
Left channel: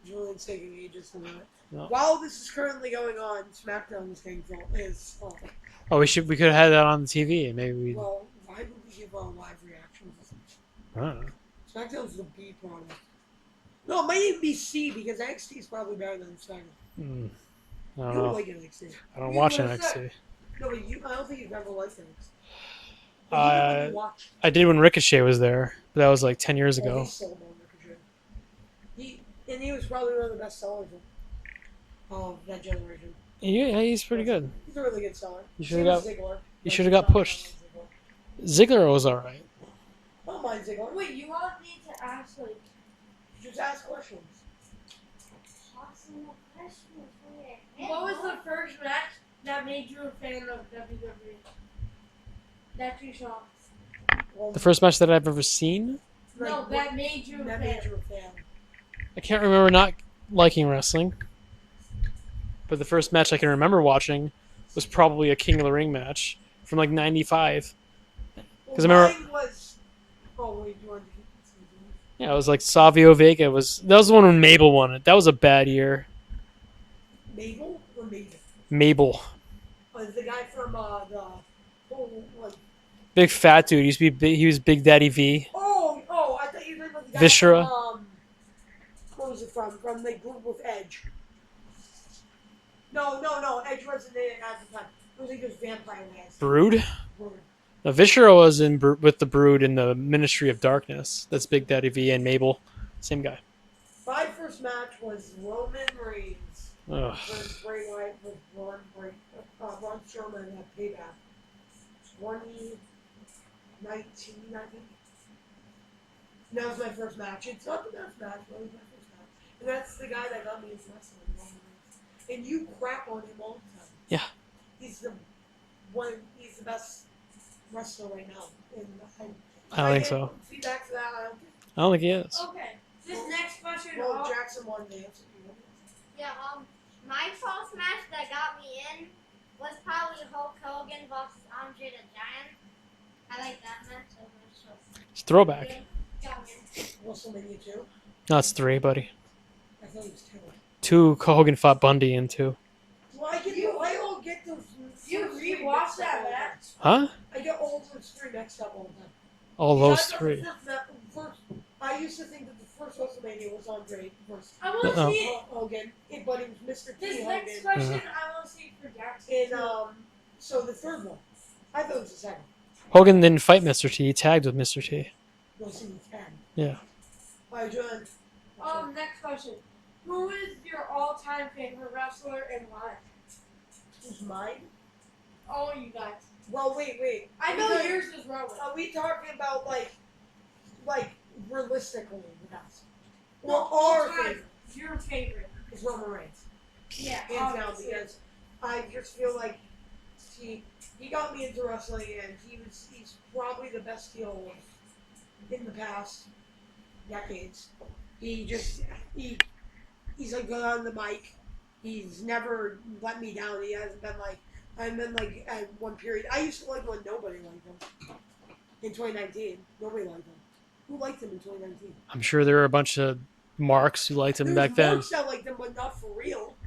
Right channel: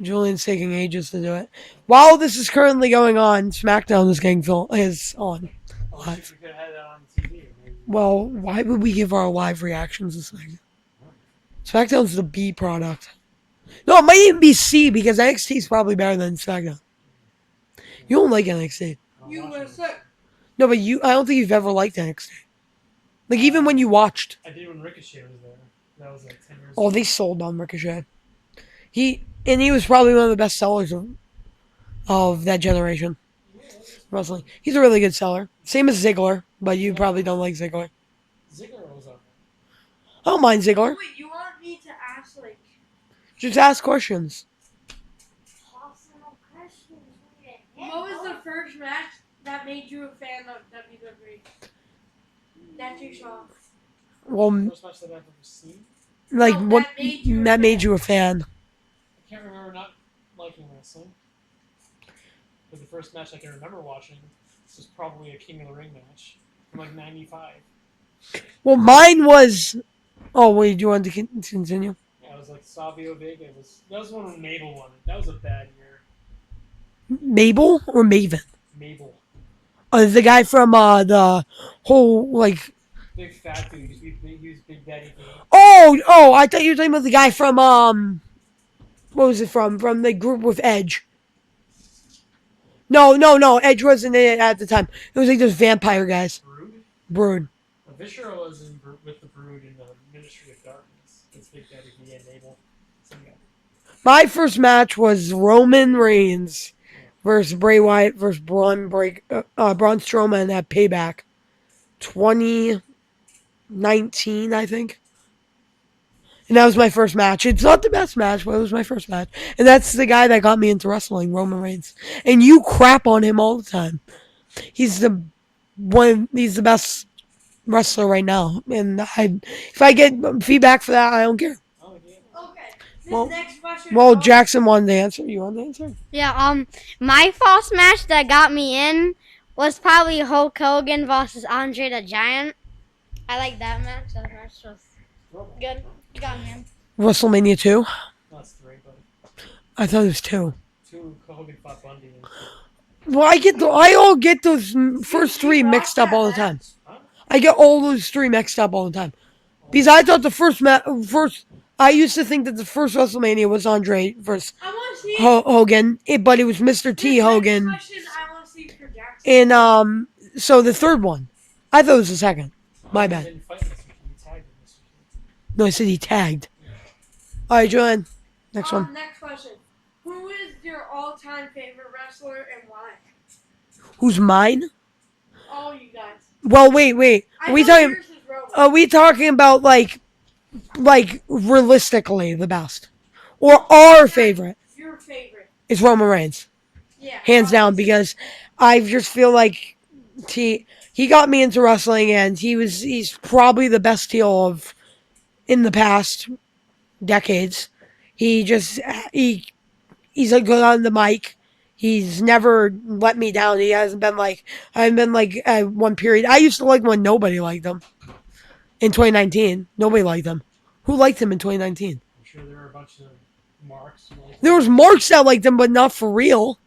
Julian's taking ages to do it. No. While this is currently going on, SmackDown is on. Oh, we could have had that on the TV. Maybe. Well, why would we give our live reactions this thing? I don't know. SmackDown's the B product. No, it might even be C because NXT is probably better than SmackDown. You don't like NXT. I don't You watch were NXT. sick. No, but I don't think you've ever liked NXT. Like even when you watched. I did when Ricochet was there, but that was like 10 years ago. Oh, they sold on Ricochet. He was probably one of the best sellers of that generation. Yeah, he's pretty good. He's a really good seller. You Same should've as Ziggler, but should've you got probably pushed. don't like Ziggler. Ziggler was alright. I don't mind Ziggler. wait, you want me to ask like Just ask questions. possible questions? What was the first match that made you a fan of WWE? That you saw. Well, The first match that I've ever seen? like No, what that made you a that made fan. you a fan? I can't remember not liking wrestling. But the first match I can remember watching was probably a King of the Ring match from like 95. Well, 'Cause I mine was. Oh wait, do you want to continue? Yeah, it was like Savio Vega. That was the one when Mabel won it. That was a bad year. Mabel or Maven? Mabel. The guy from the whole like. Big fat dude. He used to be big, he was Big Daddy V. Oh! I thought you were talking about the guy Viscera. from What was it from? From the group with Edge. No. Edge wasn't in it at the time. It was like those vampire guys. Brood. Brood. Now, Viscera was with the Brood in the Ministry of Darkness. That's Big Daddy V and Mabel. Same guy. My first match was Roman Reigns Ugh. versus Bray Wyatt versus Braun Strowman at Payback, 2019, I think. And that was my first match. It's not the best match, but it was my first match. And that's the guy that got me into wrestling, Roman Reigns. And you crap on him all the time. Yeah. He's the best wrestler right now. And if I think get so. feedback for that, I don't care. I don't think he is. Okay. This Well- next question. Well, Jackson wanted to answer. You want to answer? Yeah, my first match that got me in was probably Hulk Hogan versus Andre the Giant. I like that match. That match was It's a throwback. good. You got me in. WrestleMania 2? No, it's 3, buddy. I thought it was 2. 2, Hogan fought Bundy in 2. Well, I all get those first three mixed up all the time. Huh? I get all those three mixed up all the time. All Because those I thought the three. first, I used to think that the first WrestleMania was Andre versus I want to Uh-oh. see. Hogan, but it was Mr. T this Hogan, Next question I want to see for Jackson. and so the third one, I thought it was the second. My Hogan bad. didn't fight Mr. T. He tagged with Mr. T. No, I said he tagged. Yeah. All right, Joanne, next one. Next question. Who is your all-time favorite wrestler and why? Who's mine? All you guys. Well, wait. I Are we know talking? yours is Roman. Are we talking about like realistically the best, or our favorite Your favorite. is Roman Reigns, Yeah. hands down, because I just feel like he got me into wrestling, and he's probably the best heel in the past decades. He he's like good on the mic. He's never let me down. He hasn't been like I haven't been like at one period. I used to like when nobody liked him. In 2019, nobody liked him. Who liked him in 2019? I'm sure there were a bunch of marks who liked him. There was back marks that liked him, but not for real.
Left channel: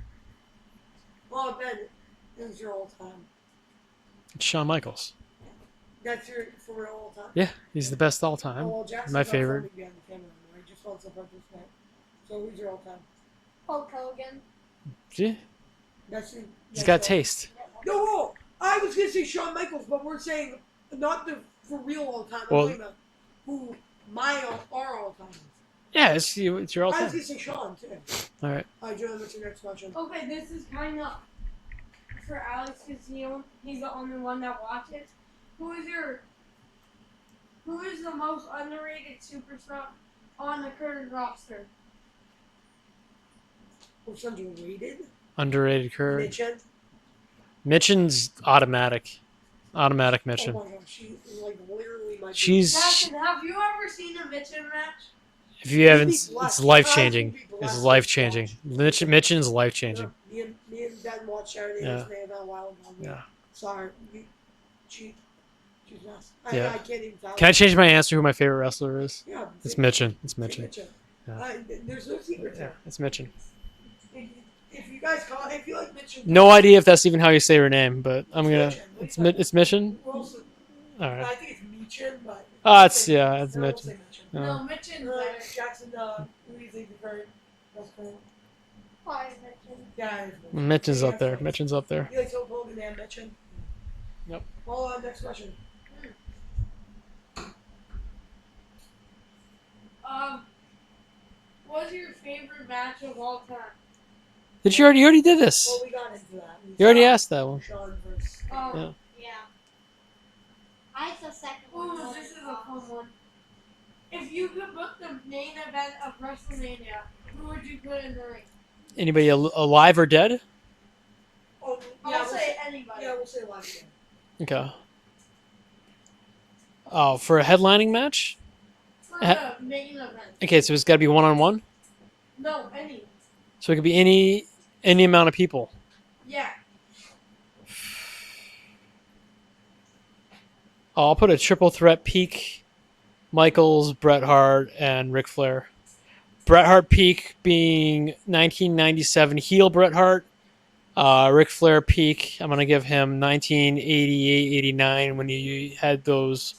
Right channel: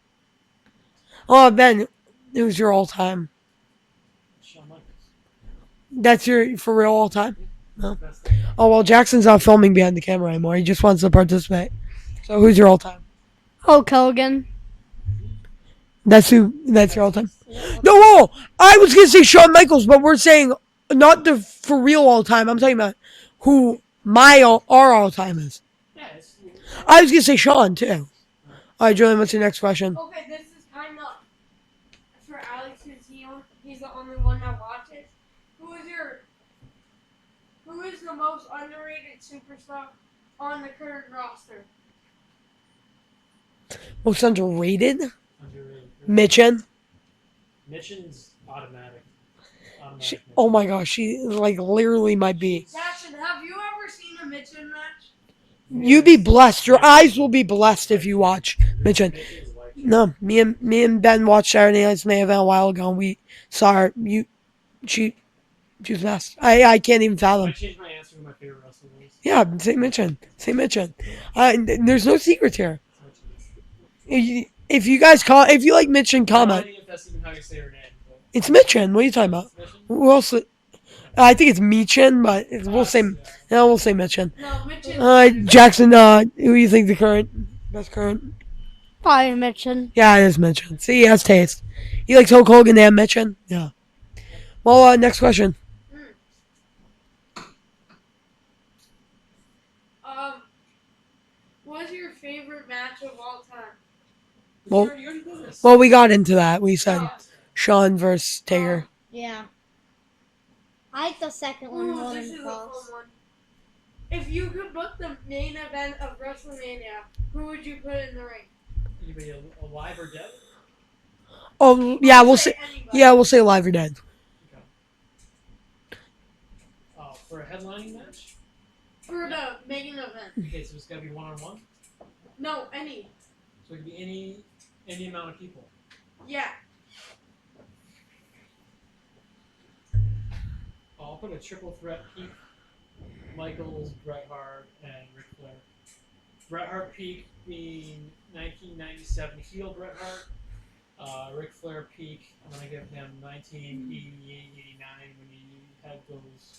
Oh, Ben, it was your all time. then. Shawn Michaels. That's your for real all time. Yeah, he's the best all time. Oh well, Jackson's My not favorite. filming behind the camera anymore. He just wants to participate. So who's your all time? Hulk Hogan. Yeah, That's who. That's got your all time. taste. No, I was gonna say Shawn Michaels, but we're saying not the for real all time. I'm Well- talking about who our all time is. Yeah, it's your all I time. was gonna say Shawn too. All right. All right, Julian, what's your next question? Okay, this is kind of for Alex because he's the only one that watches. Who is the most underrated superstar on the current roster? Most underrated? Underrated curve. Mitchin. Mitchin's automatic. Automatic Mitchin. Oh my gosh, she like literally might be. She's. Jackson, have you ever seen a Mitchin match? If You'd haven't, be it's blessed. Your eyes life-changing. will be It's blessed if you watch life-changing. Mitchin. Mitchin's life changing. No, me and Ben watched Saturday Night's Yeah. Main Event a while ago, and we Yeah. saw her. She was best. I can't even fathom. Can I change my answer? Who my favorite wrestler is? Yeah, say It's Mitchin. Mitchin. It's Say Mitchin. Mitchin. There's no secrets here. It's Mitchin. If you guys if you like Mitchin, No idea if that's even how you say her name, but It's I'm gonna- Mitchin. What are you talking about? It's Mitchin. Who else? All right. I think it's Michin, but we'll say yeah. it's no. We'll Mitchin. say Mitchin. No, Mitchin. Jackson. Who do you think the best current? Probably Mitchin. Yeah, it is Mitchin. Mitchin's See, he up has there. taste. Mitchin's up there. He likes Hulk Hogan and Mitchin. Yeah. Yep. Well, next question. What's your favorite match of all time? Did Well- you already did this? Well, we got into that. We you already saw asked that one. Sean versus Taker. Oh. Yeah. I like the second one Ooh, more this than is the a fun first. one. If you could book the main event of WrestleMania, who would you put in the ring? Anybody alive or dead? Oh, yeah, I'll we'll say. anybody. Yeah, we'll say live or dead. Okay. Oh, for a headlining match? For the main event. Okay, so it's got to be one-on-one? No, any. So it could be any amount of people. Yeah. Oh, I'll put a triple threat peak. Michaels, Bret Hart, and Ric Flair. Bret Hart peak being 1997 heel Bret Hart. Ric Flair peak, I'm going to give him 1988-89 when he had those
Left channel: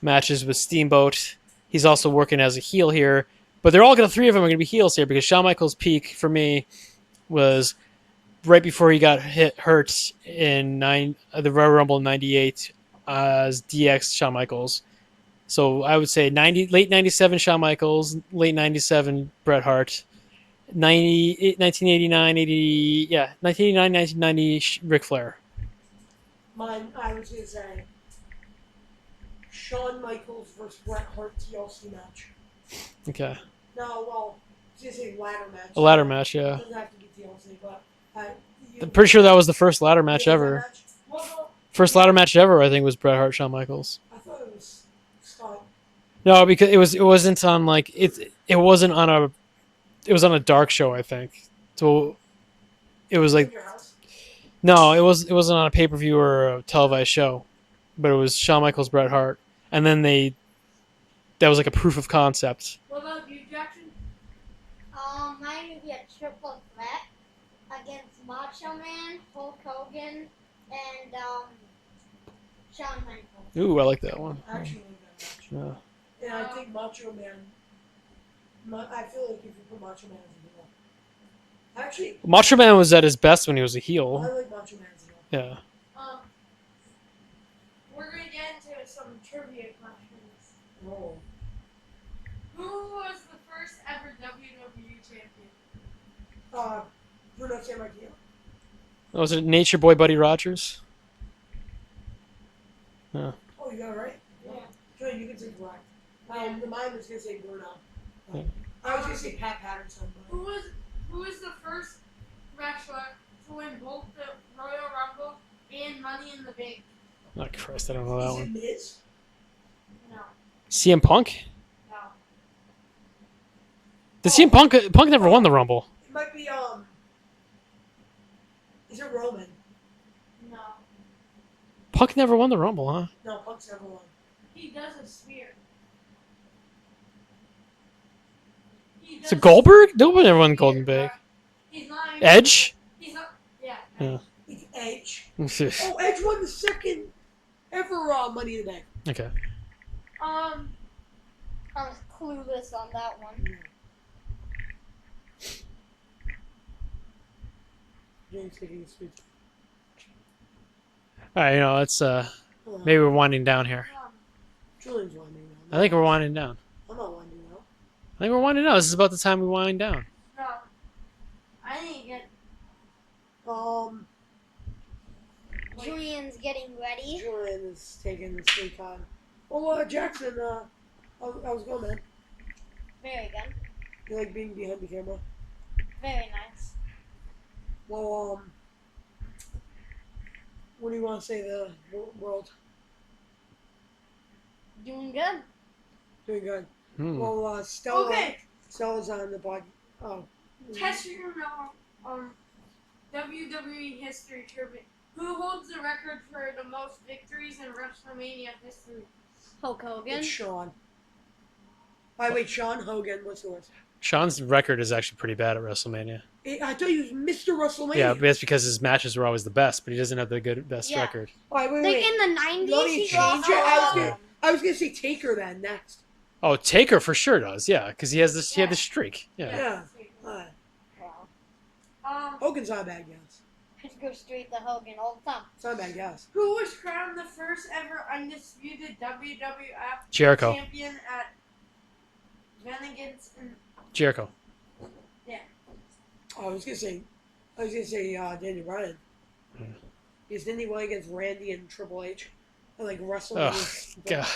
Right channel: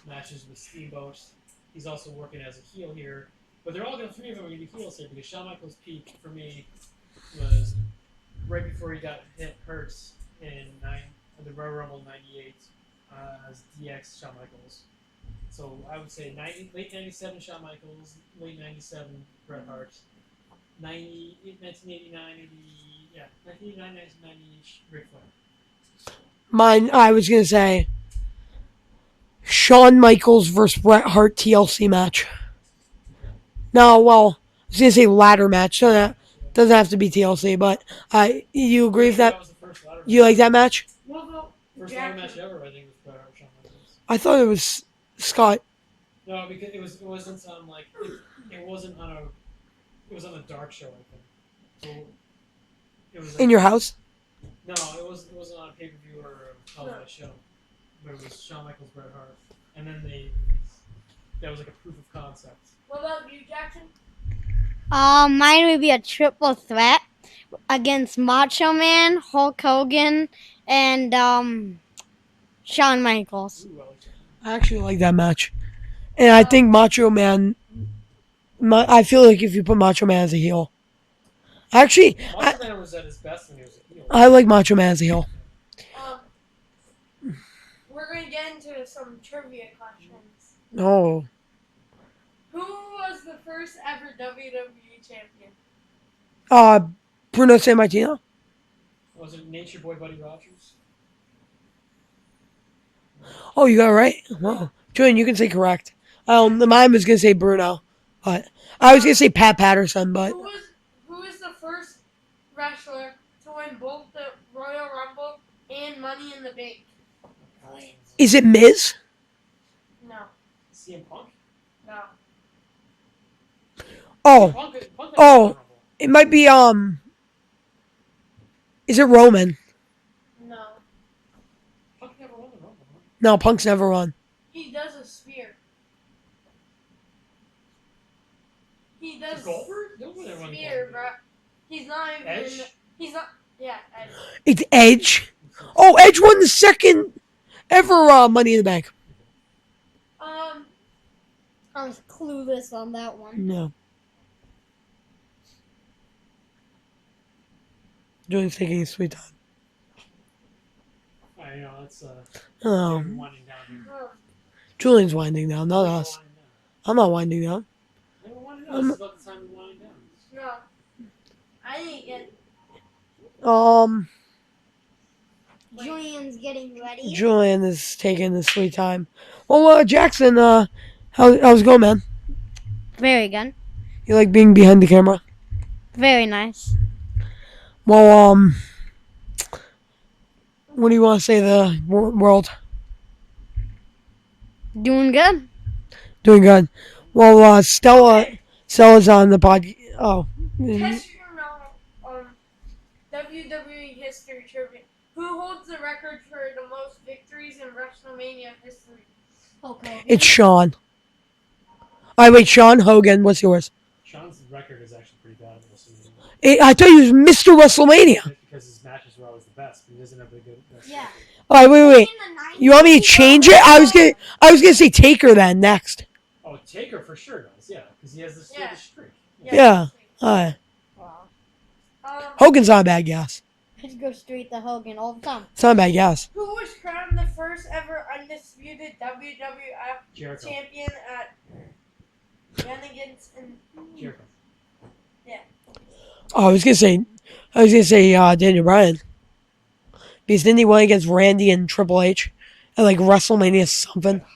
matches with Steamboat. He's also working as a heel here. But they're all going to, three of them are going to be heels here because Shawn Michaels' peak for me was right before he got hurt in the Royal Rumble in 98 as DX Shawn Michaels. So I would say late 97 Shawn Michaels, late 97 Bret Hart, 1989, 1990 Ric Flair. Mine, I was gonna say Shawn Michaels versus Bret Hart TLC match. Okay. No, well, I was gonna say ladder match. A ladder match, yeah. Doesn't have to be TLC, but you agree Pretty sure with that was the first ladder match you like ever. that match? Well, First ladder match ever, I think, was Bret Hart, Shawn Michaels. I thought it was Scott. No, because it wasn't on like it wasn't on a it was on a dark show, I think. So it was like In your house? no, it wasn't on a pay per view or a televised show, but it was Shawn Michaels, Bret Hart, and then that was like a proof of concept. what about you, Jackson? Mine would be a triple threat against Macho Man, Hulk Hogan, and Shawn Michaels. Ooh, I like that one. I actually like that match. Yeah. And I think Macho Man. I feel like if you put Macho Man as a heel, actually, Macho Man was at his best when he was a heel. I like Macho Man as a heel. Yeah. We're going to get into some trivia questions. Oh, Who was the first ever WWE champion? Bruno Sammartino. Was it Nature Boy Buddy Rogers? Oh, you got it right. Wow, Julian, you can say correct. Mine was gonna say Bruno, but I was gonna say Pat Patterson, but Who is the first wrestler to win both the Royal Rumble and Money in the Bank? Oh Christ, I don't know. is that it one. Miz? No, CM Punk? no. See, Oh, Punk never won the Oh. Rumble. it might be Is it Roman? No. Punk never won the Rumble, huh? No, Punk's never won. He does a spear. He does Is it Goldberg? Nobody never won spear, Golden Big. but He's not even Edge? He's not. Yeah. Edge. It's Edge. Oh. Oh, Edge won the second ever Money in the Bank. Okay. I was clueless on that one. No. Julian's taking his sweet time. All right, let's Oh, maybe we're winding down here. Julian's winding down. I think we're us. winding down. I'm not winding down. I think we're winding down. This is about the time we wind down. No. I didn't get. Julian's getting ready. Julian is taking his sweet time. Well, Jackson, how's it going, man? Very good. You like being behind the camera? Very nice. Well, what do you want to say to the world? Doing good. Doing good. Hmm. Well, Okay. Stella's on the pod. Oh. Test your knowledge. WWE history trivia. Who holds the record for the most victories in WrestleMania history? Hulk Hogan. It's Sean. All right, wait, Sean Hogan. What's yours? Sean's record is actually pretty bad at WrestleMania. I thought he was Mr. WrestleMania. Yeah, that's because his matches were always the best, but he doesn't have the best Yeah. record. All right, wait. In the 90s, You want me to change it? I was gonna say Taker then next. Oh, Taker for sure does, yeah, because he has this. He had this streak. Yeah. Yeah. All right. Hogan's not a bad guess. I'd go straight to Hogan all the time. It's not a bad guess. Who was crowned the first ever undisputed WWF Jericho. champion at Shenanigans and Jericho. Oh, I was gonna say Daniel Bryan. Because didn't he win against Randy and Triple H at like WrestleMania Ugh, something? God,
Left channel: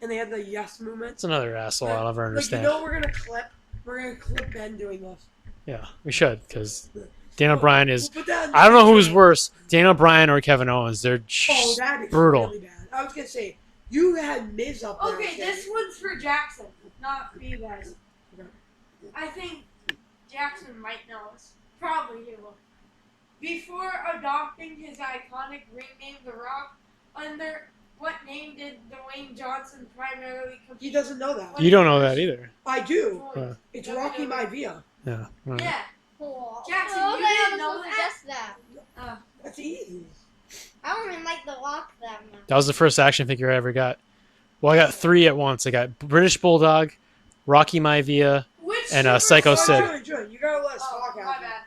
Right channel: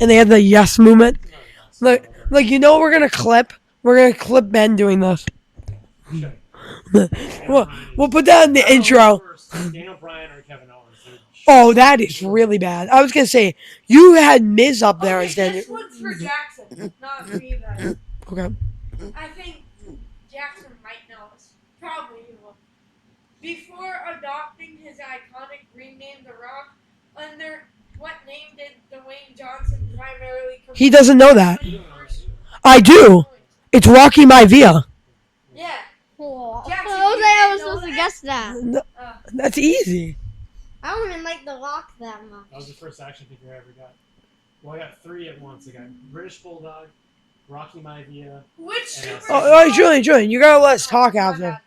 And they had the yes movement. it's another asshole. I'll never Like you understand. know what we're gonna clip? We're gonna clip Ben doing this. Yeah, we should, because Daniel Bryan is. We'll put that in the I don't know intro. who's worse, Daniel Bryan or Kevin Owens. They're Oh, that is brutal. really bad. I was gonna say you had Miz up there Okay, as Daniel. this one's for Jackson, not for you guys. Okay. I think Jackson might know this. Probably he will. Before adopting his iconic ring name, The Rock, under what name did Dwayne Johnson primarily compete? He doesn't know that. You don't know that either. I do. It's Rocky Maivia. Yeah. Yeah. Oh, Jackson, I was you like, I didn't was know supposed to that? guess that. That's easy. I don't even like The Rock that much. That was the first action figure I ever got. Well, I got 3 at once. I got British Bulldog, Rocky Maivia, Which and Super Psycho All right, Sid. Julian, you gotta let us talk My after. bad.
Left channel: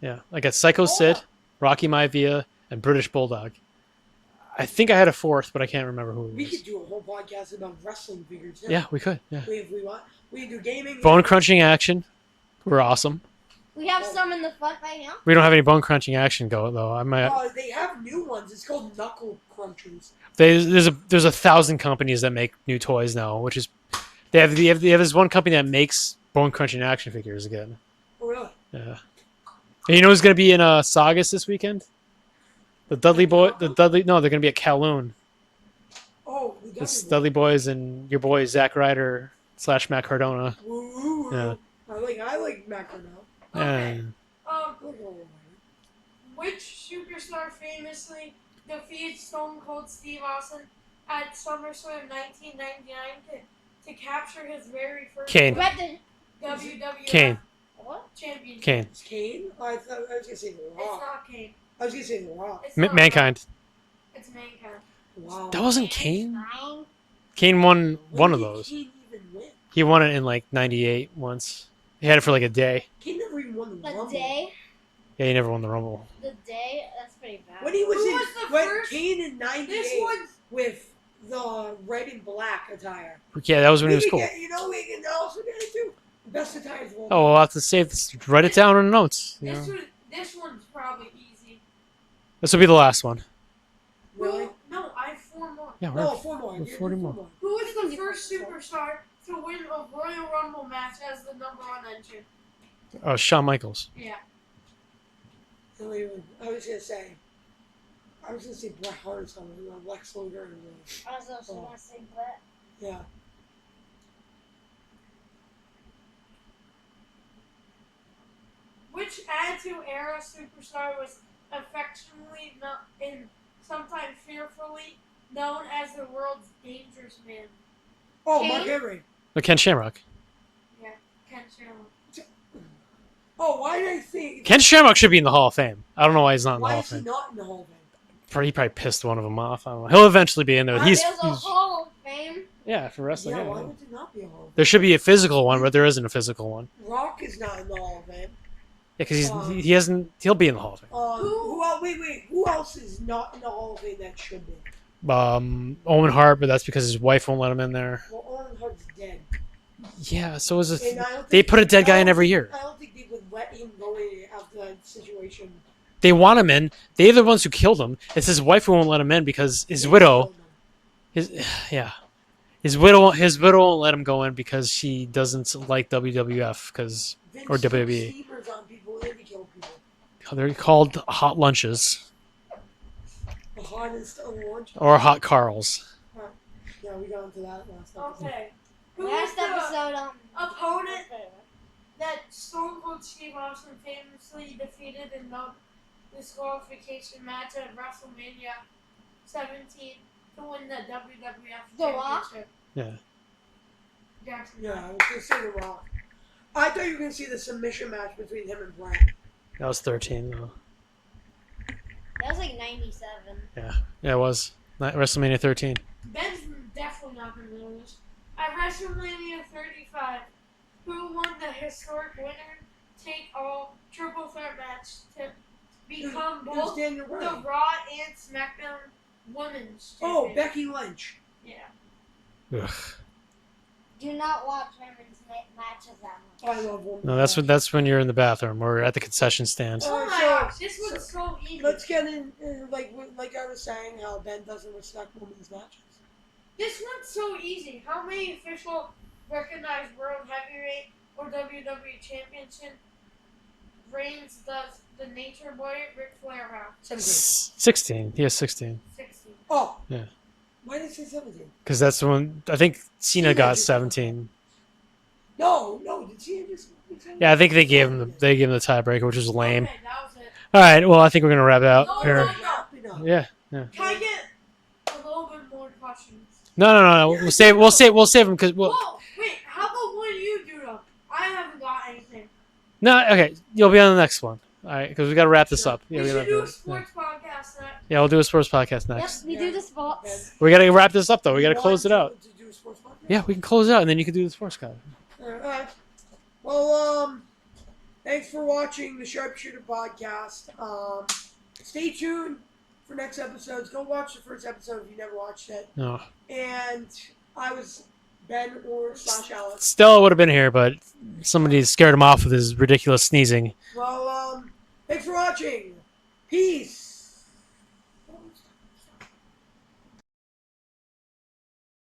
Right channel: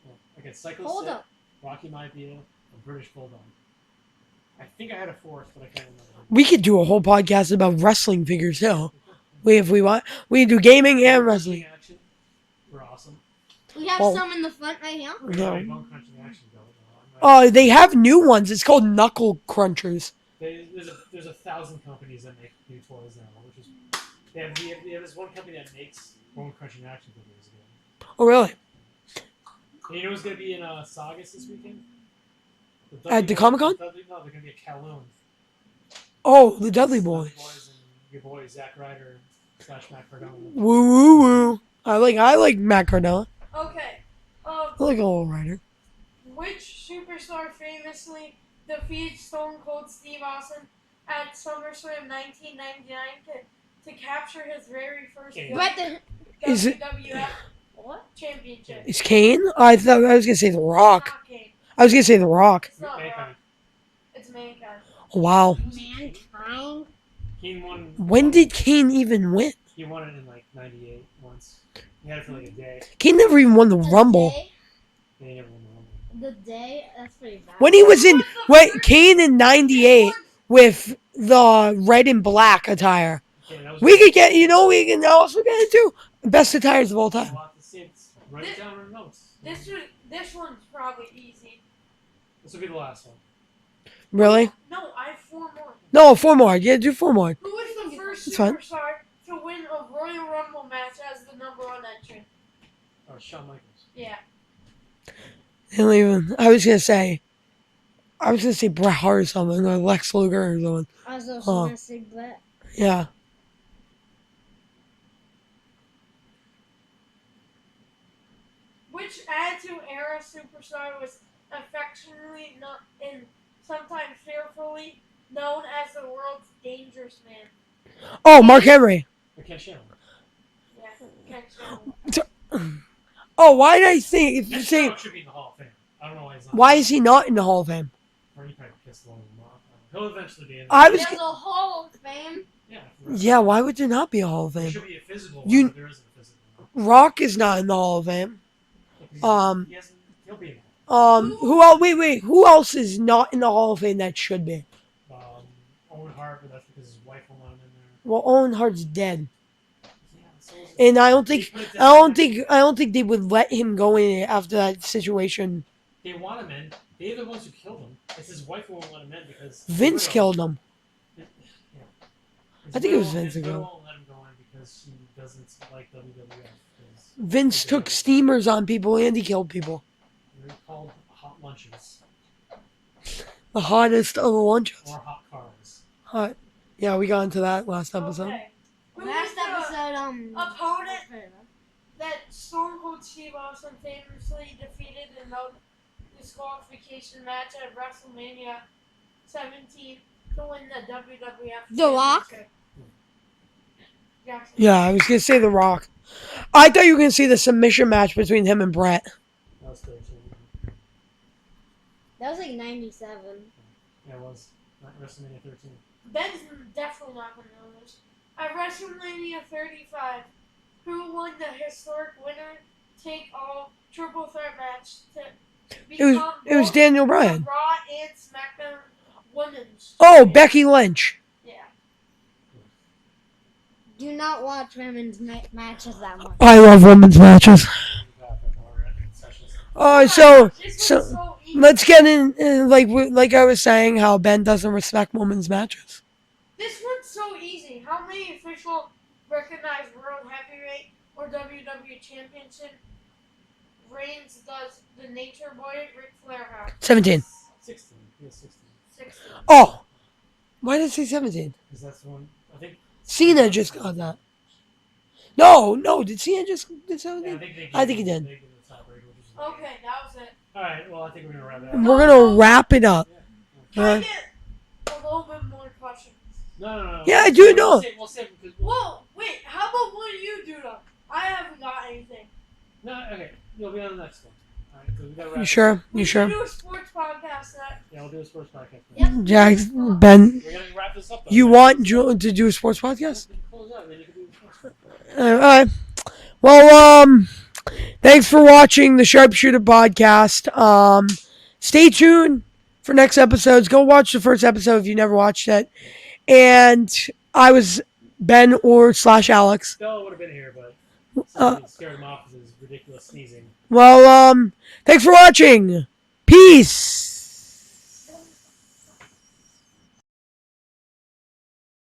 Yeah, I got Psycho Sid, Rocky Maivia, and British Bulldog. I think I had a 4th, but I can't remember who. We could do a whole podcast about wrestling figures too. Yeah, we could. Yeah. If we want, we could do gaming Bone and crunching action. We're awesome. We have Well- some in the front right here. We don't have any bone crunching action go though. I might. Oh, they have new ones. It's called Knuckle Crunchers. There's 1,000 companies that make new toys now, which is they have this one company that makes bone crunching action figures again. Oh, really? Yeah. And you know who's gonna be in Saugus this weekend? The Dudley the Boys. Comic-Con? No, they're gonna be at Kowloon. Oh, the Dudley It's Boy. Dudley Boys and your boy Zack Ryder / Matt Cardona. Woo woo woo. I like Matt Cardona. Okay. And I like a little writer. Which superstar famously defeated Stone Cold Steve Austin at SummerSlam 1999 to capture his very first Kane. Right the, Is it WWF Kane. What? Championship. Kane. Is Kane? I thought I was gonna say The It's Rock. not Kane. I was gonna say The Rock. It's not Mankind. Rock. It's Mankind. Wow. That wasn't Kane. Fine. Kane won. When one of did those. Kane even win? He won it in like '98 once. He had it for like a day. Kane never even won the Rumble. Day, Yeah, he never won the Rumble. the day, that's pretty bad. When he was Who in was the wait, first- Kane in This '98 one's- with the red and black attire. Yeah, that was. We really could cool. get, we can also get it too. Best attires of all time. Oh, I'll have to save this. Write it down on the notes. you know. This one's probably easy. This will be the last one. Really? No, I have 4 more. Yeah, No, 4 more. Yeah, do 4 more. Who was the first It's fine. superstar to win a Royal Rumble match as the #1 entrant? Oh, Shawn Michaels. Yeah. They don't even. I was gonna say Bret Hart or something, or Lex Luger or something. I was also Oh. gonna say Brett. Yeah. Which Attitude Era superstar was affectionately and sometimes fearfully known as the world's dangerous man? Oh, Mark Henry. Ken Shamrock. Yeah, Ken Shamrock. Oh, why did I think? Ken Shamrock should be in the Hall of Fame. I don't know why he's not. Why in the is he not in the Hall of Fame? He probably pissed one of them off. I don't know. He'll eventually be in there. I- He's, There's a Hall of Fame. yeah, for wrestling. Yeah, why would there not be a Hall of Fame? There should be a physical one, You- but there isn't a physical one. Rock is not in the Hall of Fame. Yeah, because he Um, hasn't. He'll be in the Hall of Fame. Who else? Wait. Who else is not in the Hall of Fame that should be? Owen Hart, but that's because his wife won't let him in there. Well, Owen Hart's dead, Yeah, so is it? and I don't They think put a dead I guy in don't every think- year. I don't think they would let him go in after that situation. They want him in. They're the ones who killed him. It's his wife who won't let him in because his Vince widow. killed him. His yeah. His I think widow. it was His Vince. widow won't let him go in because she doesn't like WWF because Vince or took WWE. steamers on people and he killed people. they're called hot lunches The hottest of the lunches. or hot Carls. Hot. Yeah, we got into that last episode. Okay. Who Last was the episode, opponent that Stone Cold Steve Austin famously defeated in the disqualification match at WrestleMania 17 to win the WWF The Rock? Championship? Yeah. Jackson. Yeah, I was gonna say The Rock. I thought you were gonna see the submission match between him and Brett. That was 13. Though. that was like 97. Yeah, it was. WrestleMania 13. Ben's definitely not going to know this. At WrestleMania 35, who won the historic winner take all triple threat match to become It was both Daniel the Bryan. Raw and SmackDown Women's. Oh, champion? Becky Lynch. Yeah. Ugh. Do not watch women's matches that much. I love women's That's when you're in the bathroom or at the concession stand. Oh, so This so one's so easy. let's get in like I was saying, how Ben doesn't respect women's matches. This one's so easy. How many official recognized World Heavyweight or WWE Championship reigns does the Nature Boy Ric Flair have? 17. 16. He has 16. 60. Oh. Yeah. Why did it say 17? Because that's the one. I think Cena Cena got just got 17. No. Did Cena just? Did Cena- Yeah, I think they gave think he him, did. they gave him the tiebreaker, which was lame. Okay, that was it. All right. Well, I think we're gonna wrap it out. We're gonna wrap it up. Yeah. Can I get a little bit more questions? No. Yeah, I we'll do save. know. We'll save them because Whoa, wait, how about one you do though? I haven't got anything. no. Okay, you'll be on the next one. All right, because we got to wrap You this sure? up. You we sure? gotta- Do a sports podcast next. Yeah, we'll do a sports podcast next. Jack, Ben, We got to wrap this up though. We you gotta want close it out. to do a sports podcast? Yeah, we can close it out and then you can do the sports guy. All right. Well, thanks for watching the Sharpshooter podcast. Stay tuned for next episodes. Go watch the first episode if you never watched it. No. And I was Ben or / Alex. Stella would have been here, but somebody scared him off with his ridiculous sneezing. Well, thanks for watching. Peace.